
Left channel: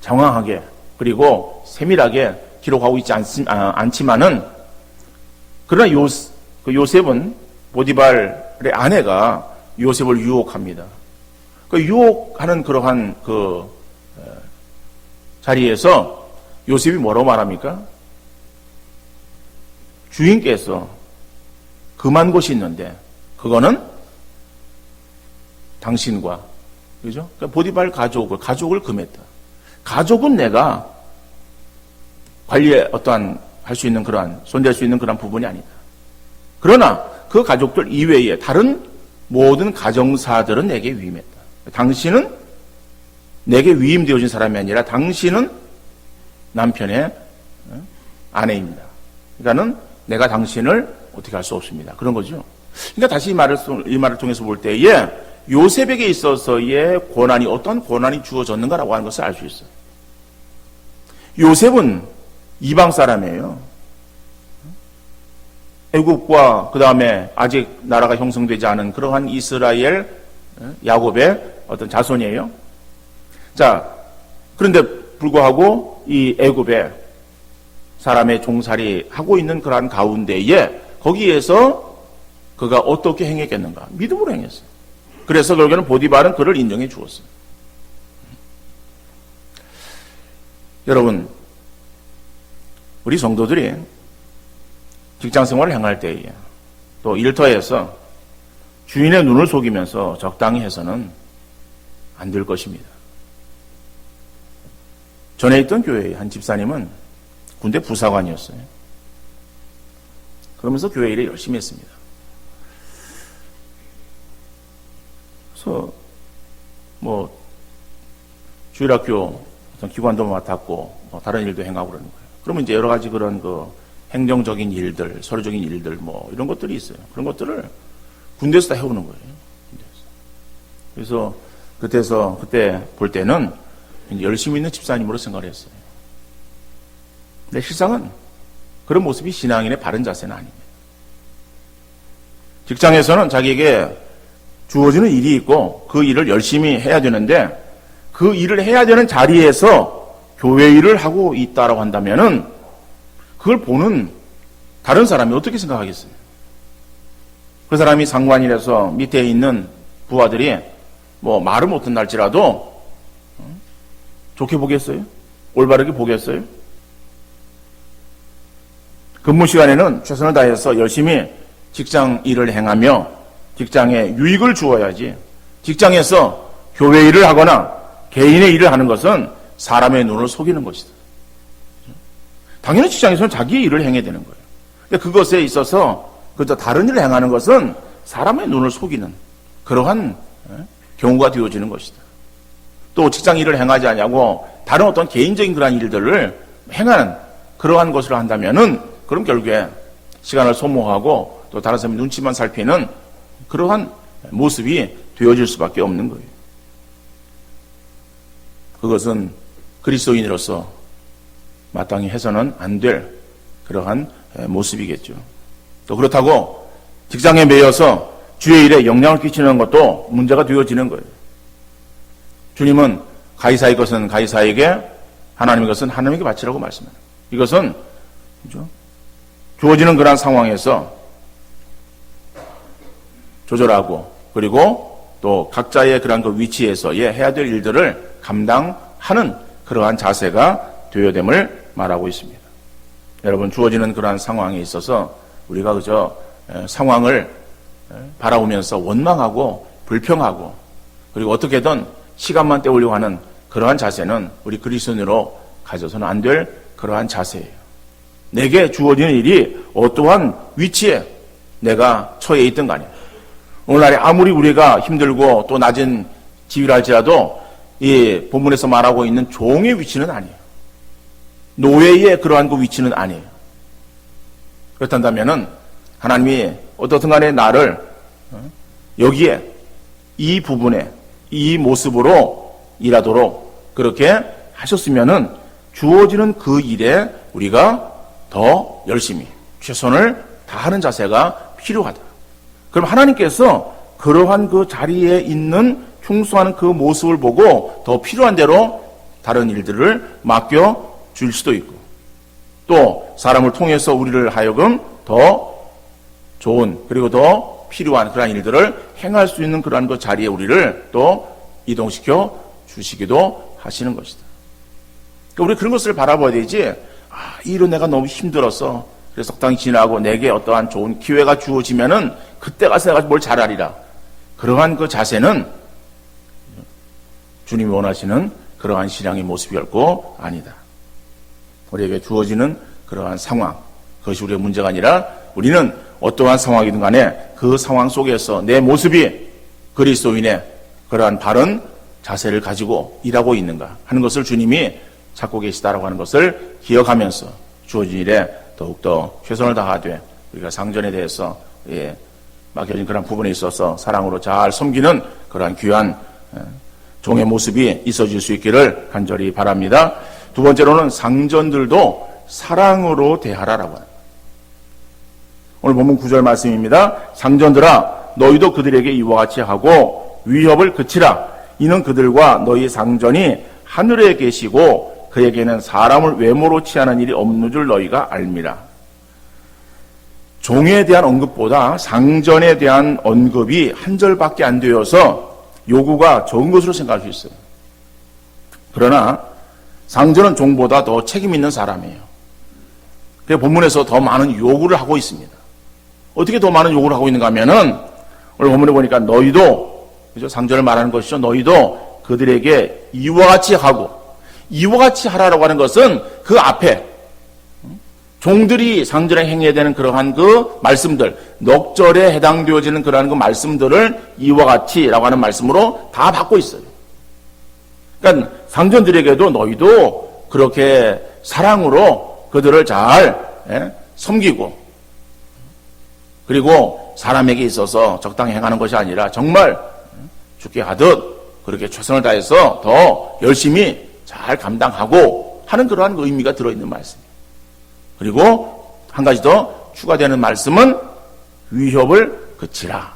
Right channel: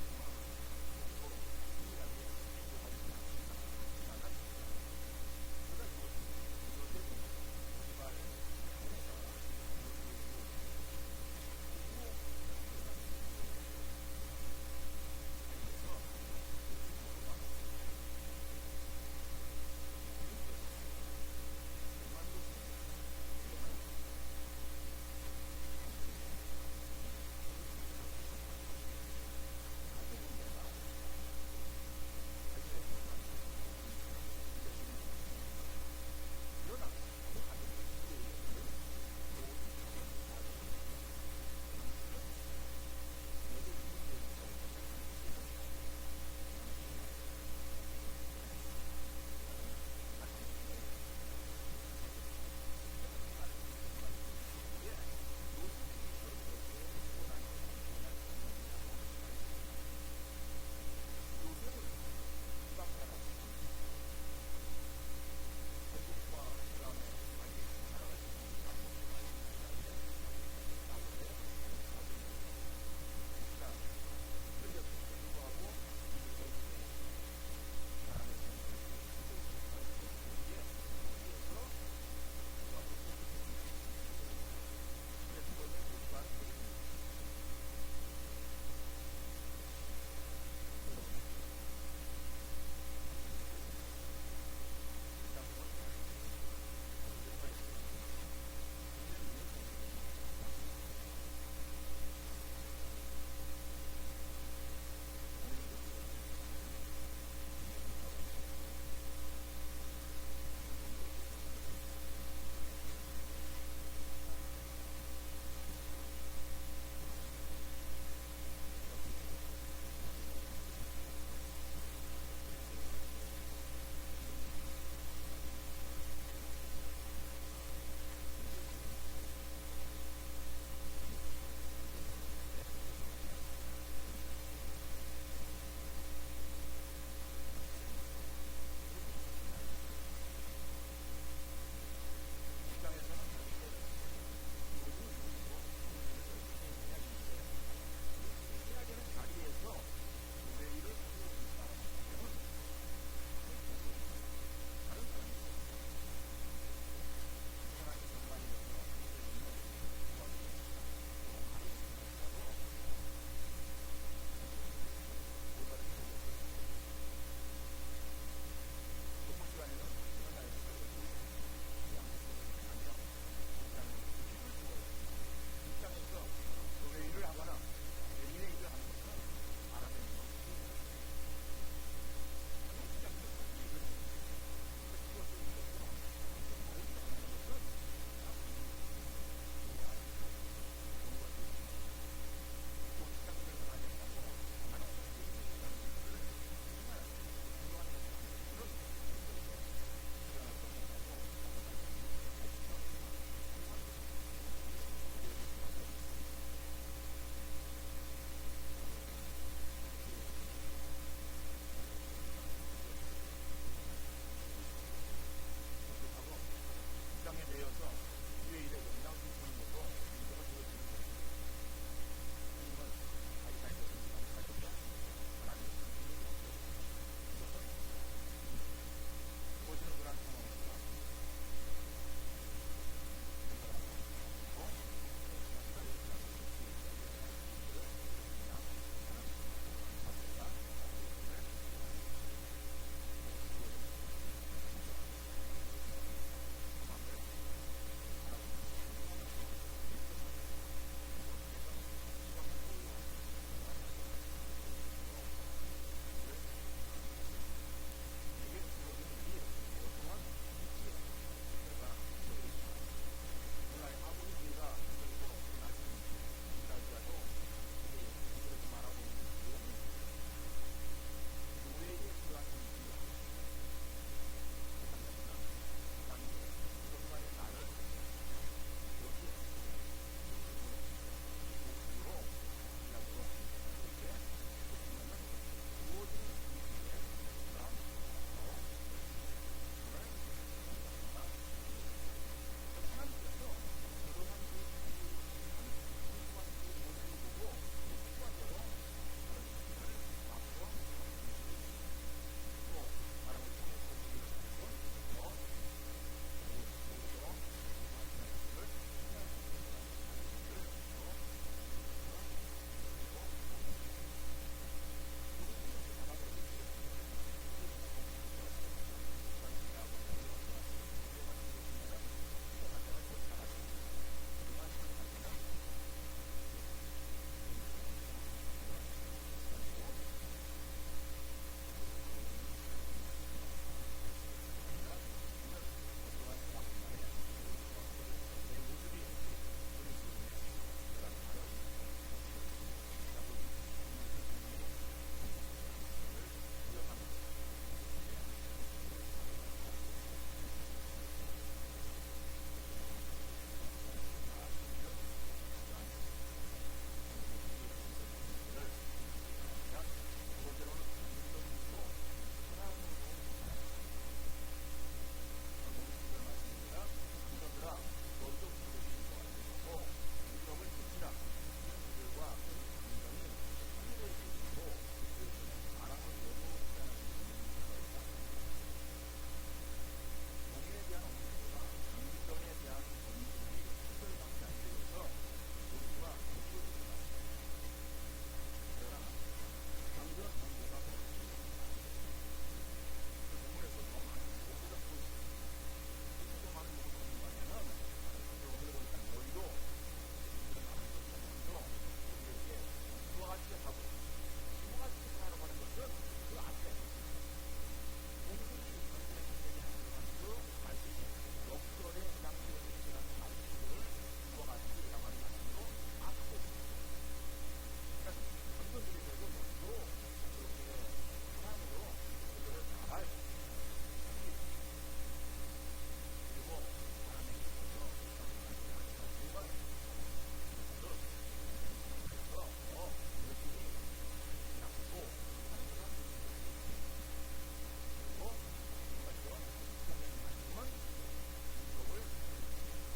장황하게 그리고 세밀하게 기록하고 있지 않지만은 그러나 요셉은 보디발의 아내가 요셉을 유혹합니다. 그 유혹하는 그러한 그 자리에서 요셉이 뭐라고 말합니까? 주인께서 금한 곳이 있는데 그거는 당신과, 그죠? 그러니까 보디발 가족을 금했다. 가족은 내가 관리에 어떠한 할 수 있는 그러한, 손댈 수 있는 그런 부분이 아니다. 그러나 그 가족들 이외에 다른 모든 가정사들은 내게 위임했다. 당신은 내게 위임되어진 사람이 아니라 당신은 남편의 아내입니다. 그러니까는 내가 당신을 어떻게 할 수 없습니다. 그런 거죠. 그러니까 다시 이 말을 통해서 볼 때에 요셉에게 있어서의 고난이 어떤 고난이 주어졌는가라고 하는 것을 알 수 있어요. 요셉은 이방 사람이에요. 애국과 그 다음에 아직 나라가 형성되지 않은 그러한 이스라엘 야곱의 어떤 자손이에요. 자, 그런데 불구하고 이 애굽에 사람의 종살이 하고 있는 그러한 가운데에 거기에서 그가 어떻게 행했겠는가? 믿음으로 행했어요. 그래서 결국에는 보디발은 그를 인정해 주었어요. 여러분, 우리 성도들이 직장 생활을 행할 때에 또 일터에서 주인의 눈을 속이면서 적당히 해서는 안 될 것입니다. 전에 있던 교회의 한 집사님은 군대 부사관이었어요. 그러면서 교회 일을 열심히 했습니다. 그래서 뭐 주일학교 어떤 기관도 맡았고 다른 일도 행하고 그러는 거예요. 그러면 이제 여러 가지 그런 그 행정적인 일들, 서류적인 일들 뭐 이런 것들이 있어요. 그런 것들을 군대에서 다 해오는 거예요. 그래서 그때 볼 때는 열심히 있는 집사님으로 생각을 했어요. 근데 실상은 그런 모습이 신앙인의 바른 자세는 아닙니다. 직장에서는 자기에게 주어지는 일이 있고 그 일을 열심히 해야 되는데 그 일을 해야 되는 자리에서 교회 일을 하고 있다라고 한다면은 그걸 보는 다른 사람이 어떻게 생각하겠어요? 그 사람이 상관이라서 밑에 있는 부하들이 뭐 말을 못한날지라도 좋게 보겠어요? 올바르게 보겠어요? 근무 시간에는 최선을 다해서 열심히 직장 일을 행하며 직장에 유익을 주어야지 직장에서 교회 일을 하거나 개인의 일을 하는 것은 사람의 눈을 속이는 것이다. 당연히 직장에서는 자기의 일을 행해야 되는 거예요. 근데 그것에 있어서 그저 다른 일을 행하는 것은 사람의 눈을 속이는 그러한 경우가 되어지는 것이다. 또 직장 일을 행하지 않냐고 다른 어떤 개인적인 그러한 일들을 행하는 그러한 것을 한다면은 그럼 결국에 시간을 소모하고 또 다른 사람의 눈치만 살피는 그러한 모습이 되어질 수밖에 없는 거예요. 그것은 그리스도인으로서 마땅히 해서는 안 될 그러한 모습이겠죠. 또 그렇다고 직장에 매여서 주의 일에 영향을 끼치는 것도 문제가 되어지는 거예요. 주님은 가이사의 것은 가이사에게, 하나님의 것은 하나님에게 바치라고 말씀합니다. 이것은 그렇죠? 주어지는 그런 상황에서 조절하고 그리고 또 각자의 그런 그 위치에서의 해야 될 일들을 감당하는 그러한 자세가 되어야 됨을 말하고 있습니다. 여러분, 주어지는 그러한 상황에 있어서 우리가 그저 상황을 바라보면서 원망하고 불평하고 그리고 어떻게든 시간만 때우려고 하는 그러한 자세는 우리 그리스도인으로 가져서는 안 될 그러한 자세예요. 내게 주어지는 일이 어떠한 위치에 내가 처해 있든 간에 오늘날에 아무리 우리가 힘들고 또 낮은 지위를 할지라도 이 본문에서 말하고 있는 종의 위치는 아니에요. 노예의 그러한 그 위치는 아니에요. 그렇단다면은 하나님이 어떻든 간에 나를 여기에 이 부분에 이 모습으로 일하도록 그렇게 하셨으면은 주어지는 그 일에 우리가 더 열심히 최선을 다하는 자세가 필요하다. 그럼 하나님께서 그러한 그 자리에 있는 충성하는 그 모습을 보고 더 필요한 대로 다른 일들을 맡겨 줄 수도 있고 또 사람을 통해서 우리를 하여금 더 좋은 그리고 더 필요한 그러한 일들을 행할 수 있는 그러한 그 자리에 우리를 또 이동시켜 주시기도 하시는 것이다. 그러니까 우리 그런 것을 바라봐야 되지. 이 일은 내가 너무 힘들어서 그래서 적당히 지나고 내게 어떠한 좋은 기회가 주어지면은 그때 가서 내가 뭘 잘하리라. 그러한 그 자세는 주님이 원하시는 그러한 신앙의 모습이 결코 아니다. 우리에게 주어지는 그러한 상황, 그것이 우리의 문제가 아니라 우리는 어떠한 상황이든 간에 그 상황 속에서 내 모습이 그리스도인의 그러한 바른 자세를 가지고 일하고 있는가 하는 것을 주님이 찾고 계시다라고 하는 것을 기억하면서 주어진 일에 더욱더 최선을 다하되 우리가 상전에 대해서 맡겨진 그런 부분에 있어서 사랑으로 잘 섬기는 그러한 귀한 종의 모습이 있어질 수 있기를 간절히 바랍니다. 두 번째로는 상전들도 사랑으로 대하라라고 합니다. 오늘 본문 9절 말씀입니다. 상전들아 너희도 그들에게 이와 같이 하고 위협을 그치라. 이는 그들과 너희 상전이 하늘에 계시고 그에게는 사람을 외모로 취하는 일이 없는 줄 너희가 알미라. 종에 대한 언급보다 상전에 대한 언급이 한 절밖에 안 되어서 요구가 적은 것으로 생각할 수 있어요. 그러나 상전은 종보다 더 책임 있는 사람이에요. 그래서 본문에서 더 많은 요구를 하고 있습니다. 어떻게 더 많은 요구를 하고 있는가 하면은 오늘 본문에 보니까 너희도, 그죠? 상전을 말하는 것이죠. 너희도 그들에게 이와 같이 하고, 이와 같이 하라라고 하는 것은 그 앞에 종들이 상전에 행해야 되는 그러한 그 말씀들, 넉절에 해당되어지는 그러한 그 말씀들을 이와 같이라고 하는 말씀으로 다 받고 있어요. 그러니까 상전들에게도 너희도 그렇게 사랑으로 그들을 잘 섬기고, 그리고 사람에게 있어서 적당히 행하는 것이 아니라 정말 죽게 하듯 그렇게 최선을 다해서 더 열심히 잘 감당하고 하는 그러한 의미가 들어있는 말씀입니다. 그리고 한 가지 더 추가되는 말씀은 위협을 그치라.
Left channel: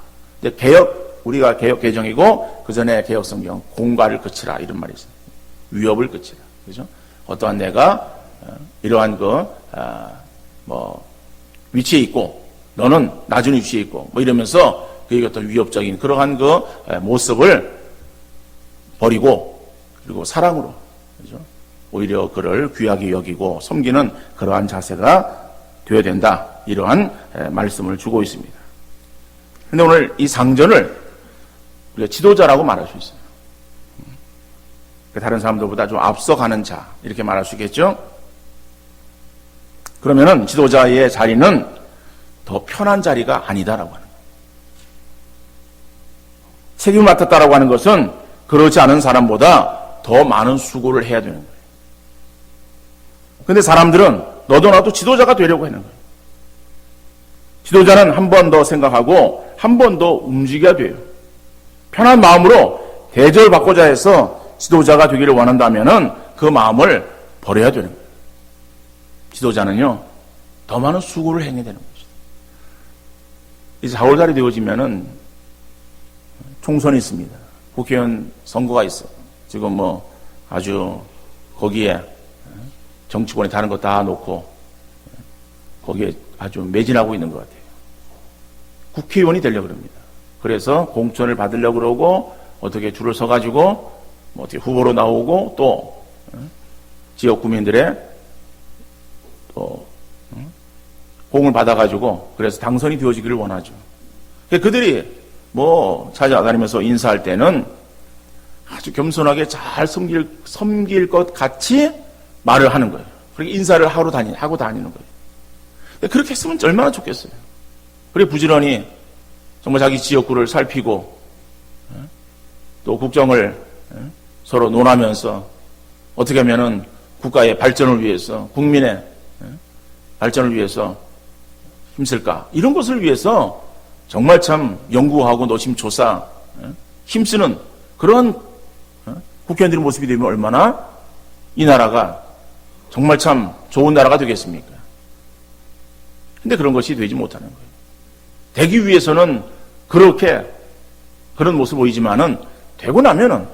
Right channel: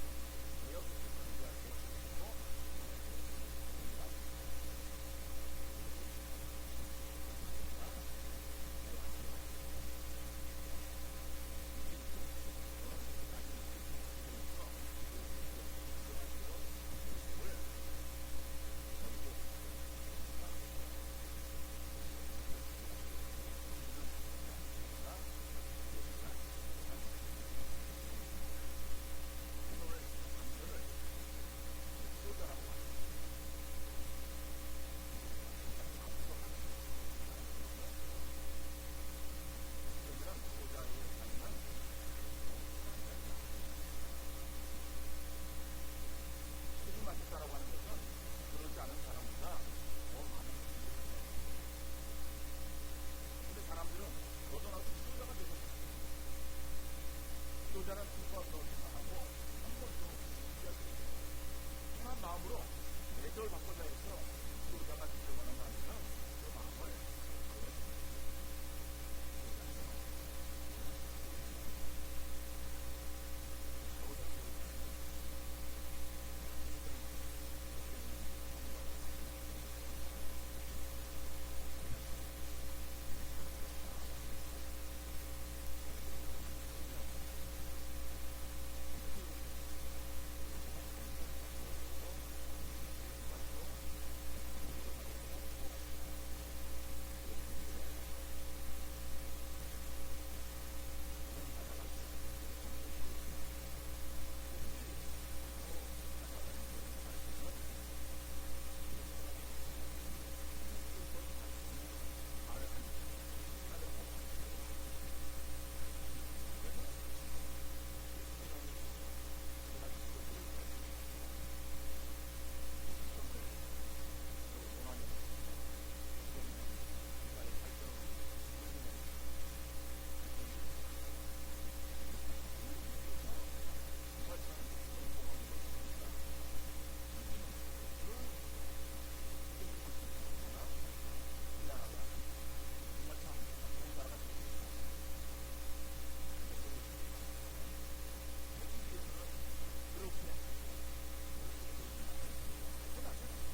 우리가 개혁 개정이고 그 전에 개혁 성경 공갈을 그치라 이런 말이 있습니다. 위협을 그치라. 그죠? 어떠한 내가 이러한 위치에 있고 너는 낮은 위치에 있고 이러면서 그에게 어떤 위협적인 그러한 그 모습을 버리고 그리고 사랑으로, 그죠? 오히려 그를 귀하게 여기고 섬기는 그러한 자세가 되어야 된다. 이러한 말씀을 주고 있습니다. 그런데 오늘 이 상전을 우리가 지도자라고 말할 수 있어요. 다른 사람들보다 좀 앞서가는 자 이렇게 말할 수 있겠죠. 그러면은 지도자의 자리는 더 편한 자리가 아니다라고 하는 거예요. 책임을 맡았다라고 하는 것은 그렇지 않은 사람보다 더 많은 수고를 해야 되는 거예요. 그런데 사람들은 너도 나도 지도자가 되려고 하는 거예요. 지도자는 한 번 더 생각하고 한 번 더 움직여야 돼요. 편한 마음으로 대접을 받고자 해서 지도자가 되기를 원한다면은 그 마음을 버려야 되는 거예요. 지도자는요, 더 많은 수고를 행해야 되는 거죠. 이제 4월달이 되어지면은 총선이 있습니다. 국회의원 선거가 있어요. 지금 아주 거기에 정치권이 다른 거 다 놓고 거기에 아주 매진하고 있는 것 같아요. 국회의원이 되려고 그럽니다. 그래서 공천을 받으려고 그러고 어떻게 줄을 서가지고 어떻게 후보로 나오고 또 지역 구민들의 또 호응을 받아가지고 그래서 당선이 되어지기를 원하죠. 그들이 찾아다니면서 인사할 때는 아주 겸손하게 잘 섬길 것 같이 말을 하는 거예요. 그렇게 인사를 하고 다니는 거예요. 그렇게 했으면 얼마나 좋겠어요. 그리고 부지런히 정말 자기 지역구를 살피고 또 국정을 서로 논하면서 어떻게 하면은 국가의 발전을 위해서, 국민의 발전을 위해서 힘쓸까, 이런 것을 위해서 정말 참 연구하고 노심초사 힘쓰는 그런 국회의원들의 모습이 되면 얼마나 이 나라가 정말 참 좋은 나라가 되겠습니까? 근데 그런 것이 되지 못하는 거예요. 되기 위해서는 그런 모습 보이지만은 되고 나면은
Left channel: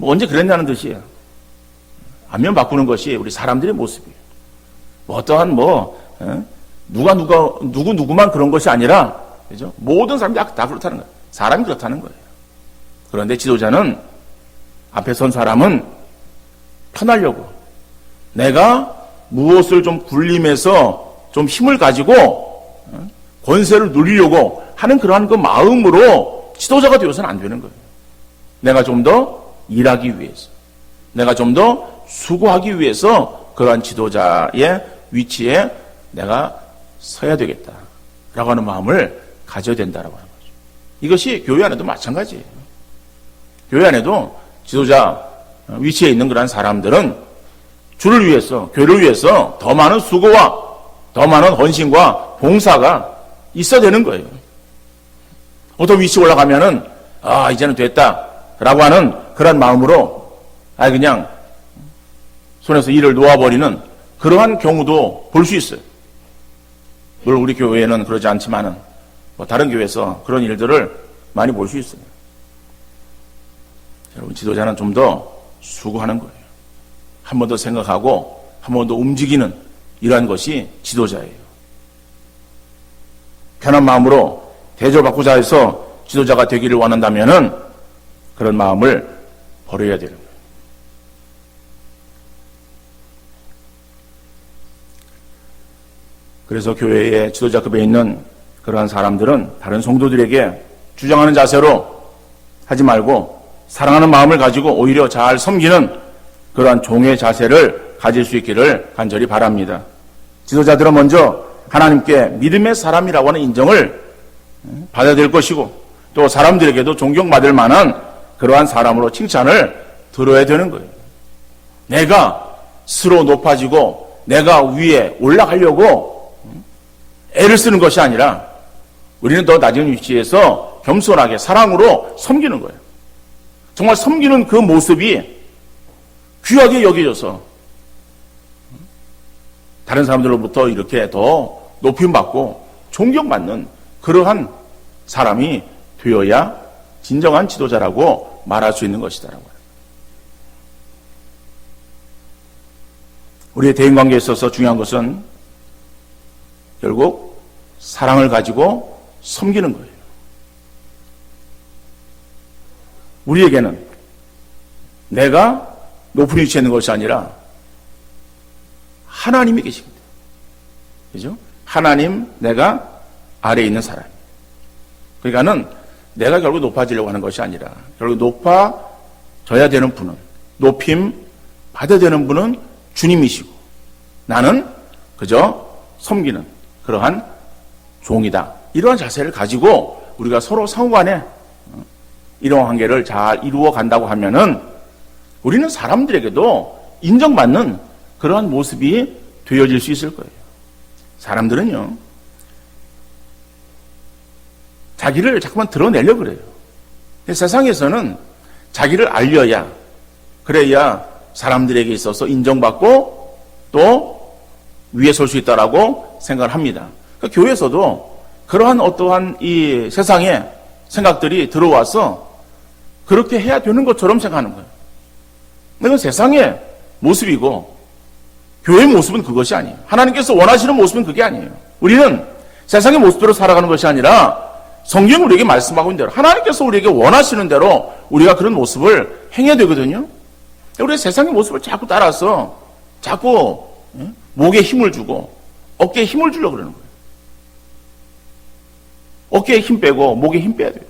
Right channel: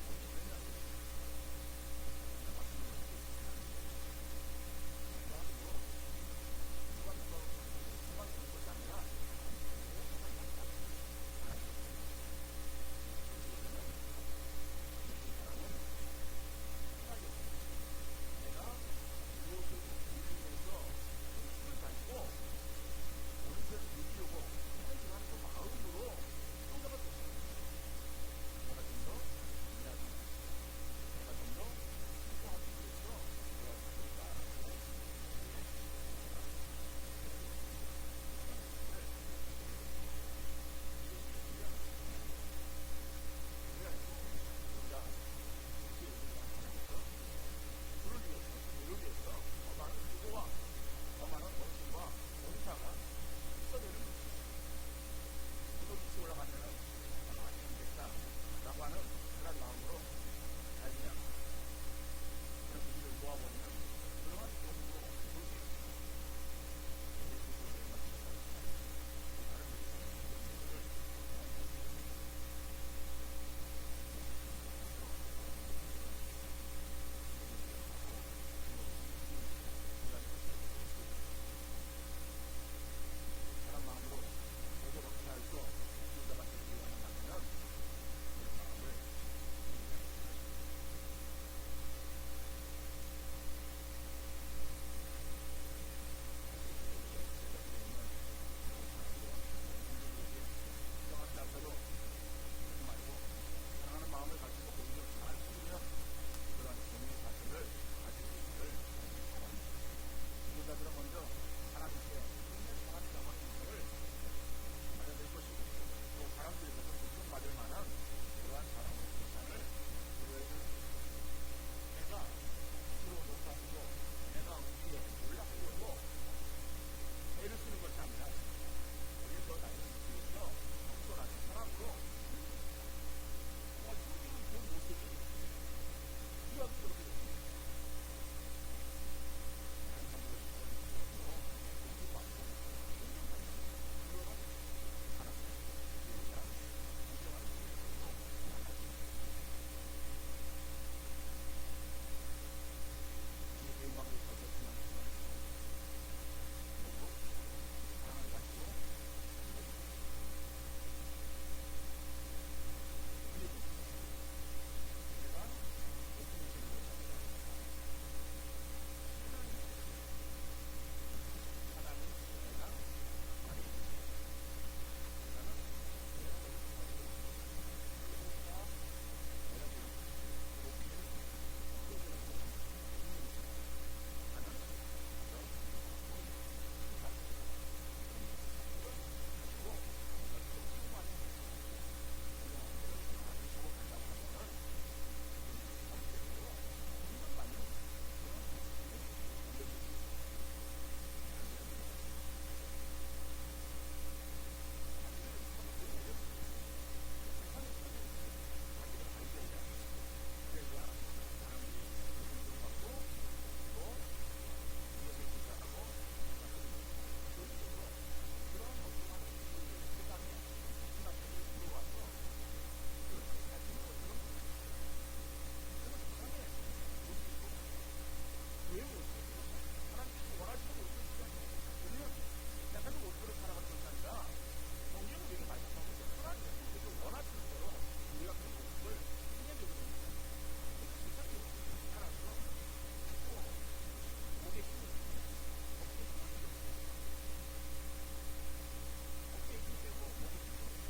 언제 그랬냐는 듯이에요. 안면 바꾸는 것이 우리 사람들의 모습이에요. 어떠한 누구만 그런 것이 아니라, 그죠? 모든 사람들이 다 그렇다는 거예요. 사람이 그렇다는 거예요. 그런데 지도자는 앞에 선 사람은 편하려고, 내가 무엇을 좀 굴림해서 좀 힘을 가지고 권세를 누리려고 하는 그러한 그 마음으로 지도자가 되어서는 안 되는 거예요. 내가 좀 더 일하기 위해서, 내가 좀 더 수고하기 위해서 그러한 지도자의 위치에 내가 서야 되겠다라고 하는 마음을 가져야 된다라고 하는 거죠. 이것이 교회 안에도 마찬가지예요. 교회 안에도 지도자 위치에 있는 그러한 사람들은 주를 위해서, 교회를 위해서 더 많은 수고와 더 많은 헌신과 봉사가 있어야 되는 거예요. 어떤 위치에 올라가면은 이제는 됐다라고 하는 그런 마음으로 그냥 손에서 일을 놓아버리는 그러한 경우도 볼 수 있어요. 물론 우리 교회는 그러지 않지만은 다른 교회에서 그런 일들을 많이 볼 수 있어요. 여러분, 지도자는 좀 더 수고하는 거예요. 한 번 더 생각하고 한 번 더 움직이는 이러한 것이 지도자예요. 편한 마음으로 대접받고자 해서 지도자가 되기를 원한다면은 그런 마음을 버려야 되는 거예요. 그래서 교회의 지도자급에 있는 그러한 사람들은 다른 성도들에게 주장하는 자세로 하지 말고 사랑하는 마음을 가지고 오히려 잘 섬기는 그러한 종의 자세를 가질 수 있기를 간절히 바랍니다. 지도자들은 먼저 하나님께 믿음의 사람이라고 하는 인정을 받아야 될 것이고, 또 사람들에게도 존경받을 만한 그러한 사람으로 칭찬을 들어야 되는 거예요. 내가 스스로 높아지고 내가 위에 올라가려고 애를 쓰는 것이 아니라 우리는 더 낮은 위치에서 겸손하게 사랑으로 섬기는 거예요. 정말 섬기는 그 모습이 귀하게 여겨져서 다른 사람들로부터 이렇게 더 높임받고 존경받는 그러한 사람이 되어야 진정한 지도자라고 말할 수 있는 것이다라고. 우리의 대인관계에 있어서 중요한 것은 결국 사랑을 가지고 섬기는 거예요. 우리에게는 내가 높은 위치에 있는 것이 아니라 하나님이 계십니다. 그죠? 하나님, 내가 아래에 있는 사람. 그러니까는 내가 결국 높아지려고 하는 것이 아니라 결국 높아져야 되는 분은, 높임 받아야 되는 분은 주님이시고 나는 그저 섬기는 그러한 종이다. 이러한 자세를 가지고 우리가 서로 상호간에 이런 관계를 잘 이루어 간다고 하면은 우리는 사람들에게도 인정받는 그러한 모습이 되어질 수 있을 거예요. 사람들은요, 자기를 자꾸만 드러내려고 그래요. 세상에서는 자기를 알려야, 그래야 사람들에게 있어서 인정받고 또 위에 설 수 있다라고 생각을 합니다. 그러니까 교회에서도 그러한 어떠한 이 세상의 생각들이 들어와서 그렇게 해야 되는 것처럼 생각하는 거예요. 이건 세상의 모습이고 교회의 모습은 그것이 아니에요. 하나님께서 원하시는 모습은 그게 아니에요. 우리는 세상의 모습대로 살아가는 것이 아니라 성경이 우리에게 말씀하고 있는 대로, 하나님께서 우리에게 원하시는 대로 우리가 그런 모습을 행해야 되거든요. 우리 세상의 모습을 자꾸 따라서 자꾸 목에 힘을 주고 어깨에 힘을 주려고 그러는 거예요. 어깨에 힘 빼고 목에 힘 빼야 돼요.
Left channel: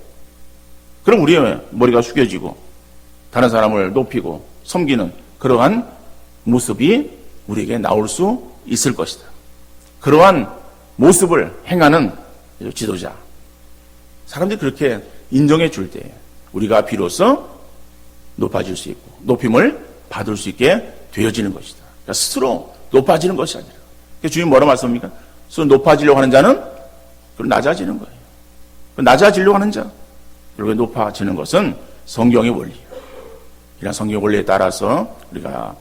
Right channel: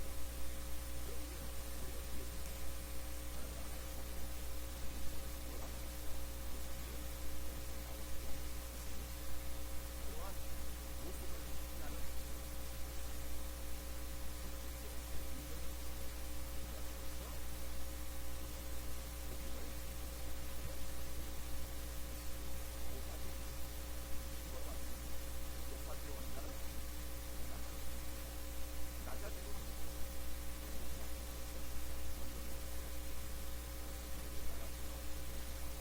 그럼 우리의 머리가 숙여지고 다른 사람을 높이고 섬기는 그러한 모습이 우리에게 나올 수 있을 것이다. 그러한 모습을 행하는 지도자, 사람들이 그렇게 인정해 줄 때 우리가 비로소 높아질 수 있고 높임을 받을 수 있게 되어지는 것이다. 그러니까 스스로 높아지는 것이 아니라, 주님 뭐라 말씀합니까? 스스로 높아지려고 하는 자는 낮아지는 거예요. 낮아지려고 하는 자, 그리고 높아지는 것은 성경의 원리. 이런 성경 원리에 따라서 우리가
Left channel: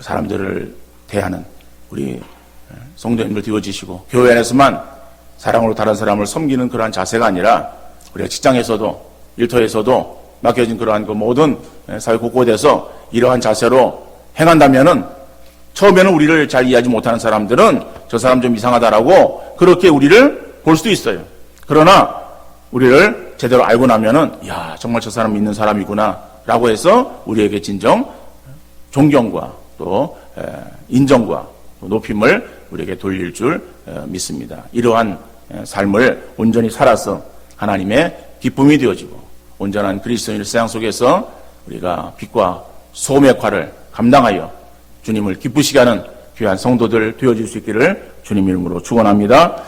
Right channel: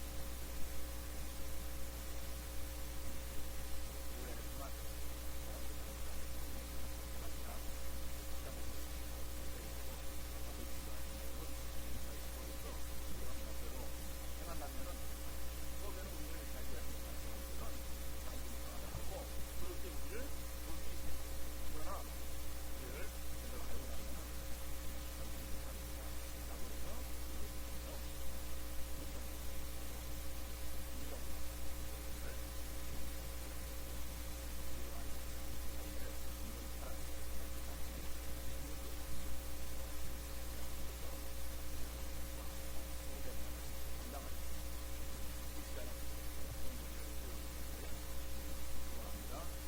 사람들을 대하는 우리 성도님들 되어지시고, 교회 안에서만 사랑으로 다른 사람을 섬기는 그러한 자세가 아니라 우리가 직장에서도 일터에서도 맡겨진 그러한 그 모든 사회 곳곳에서 이러한 자세로 행한다면은 처음에는 우리를 잘 이해하지 못하는 사람들은 저 사람 좀 이상하다라고 그렇게 우리를 볼 수도 있어요. 그러나 우리를 제대로 알고 나면은 야, 정말 저 사람 믿는 사람이구나 라고 해서 우리에게 진정 존경과 또 인정과 또 높임을 우리에게 돌릴 줄 믿습니다. 이러한 삶을 온전히 살아서 하나님의 기쁨이 되어지고 온전한 그리스도인의 세상 속에서 우리가 빛과 소금의 역할을 감당하여 주님을 기쁘시게 하는 귀한 성도들 되어질 수 있기를 주님 이름으로 축원합니다.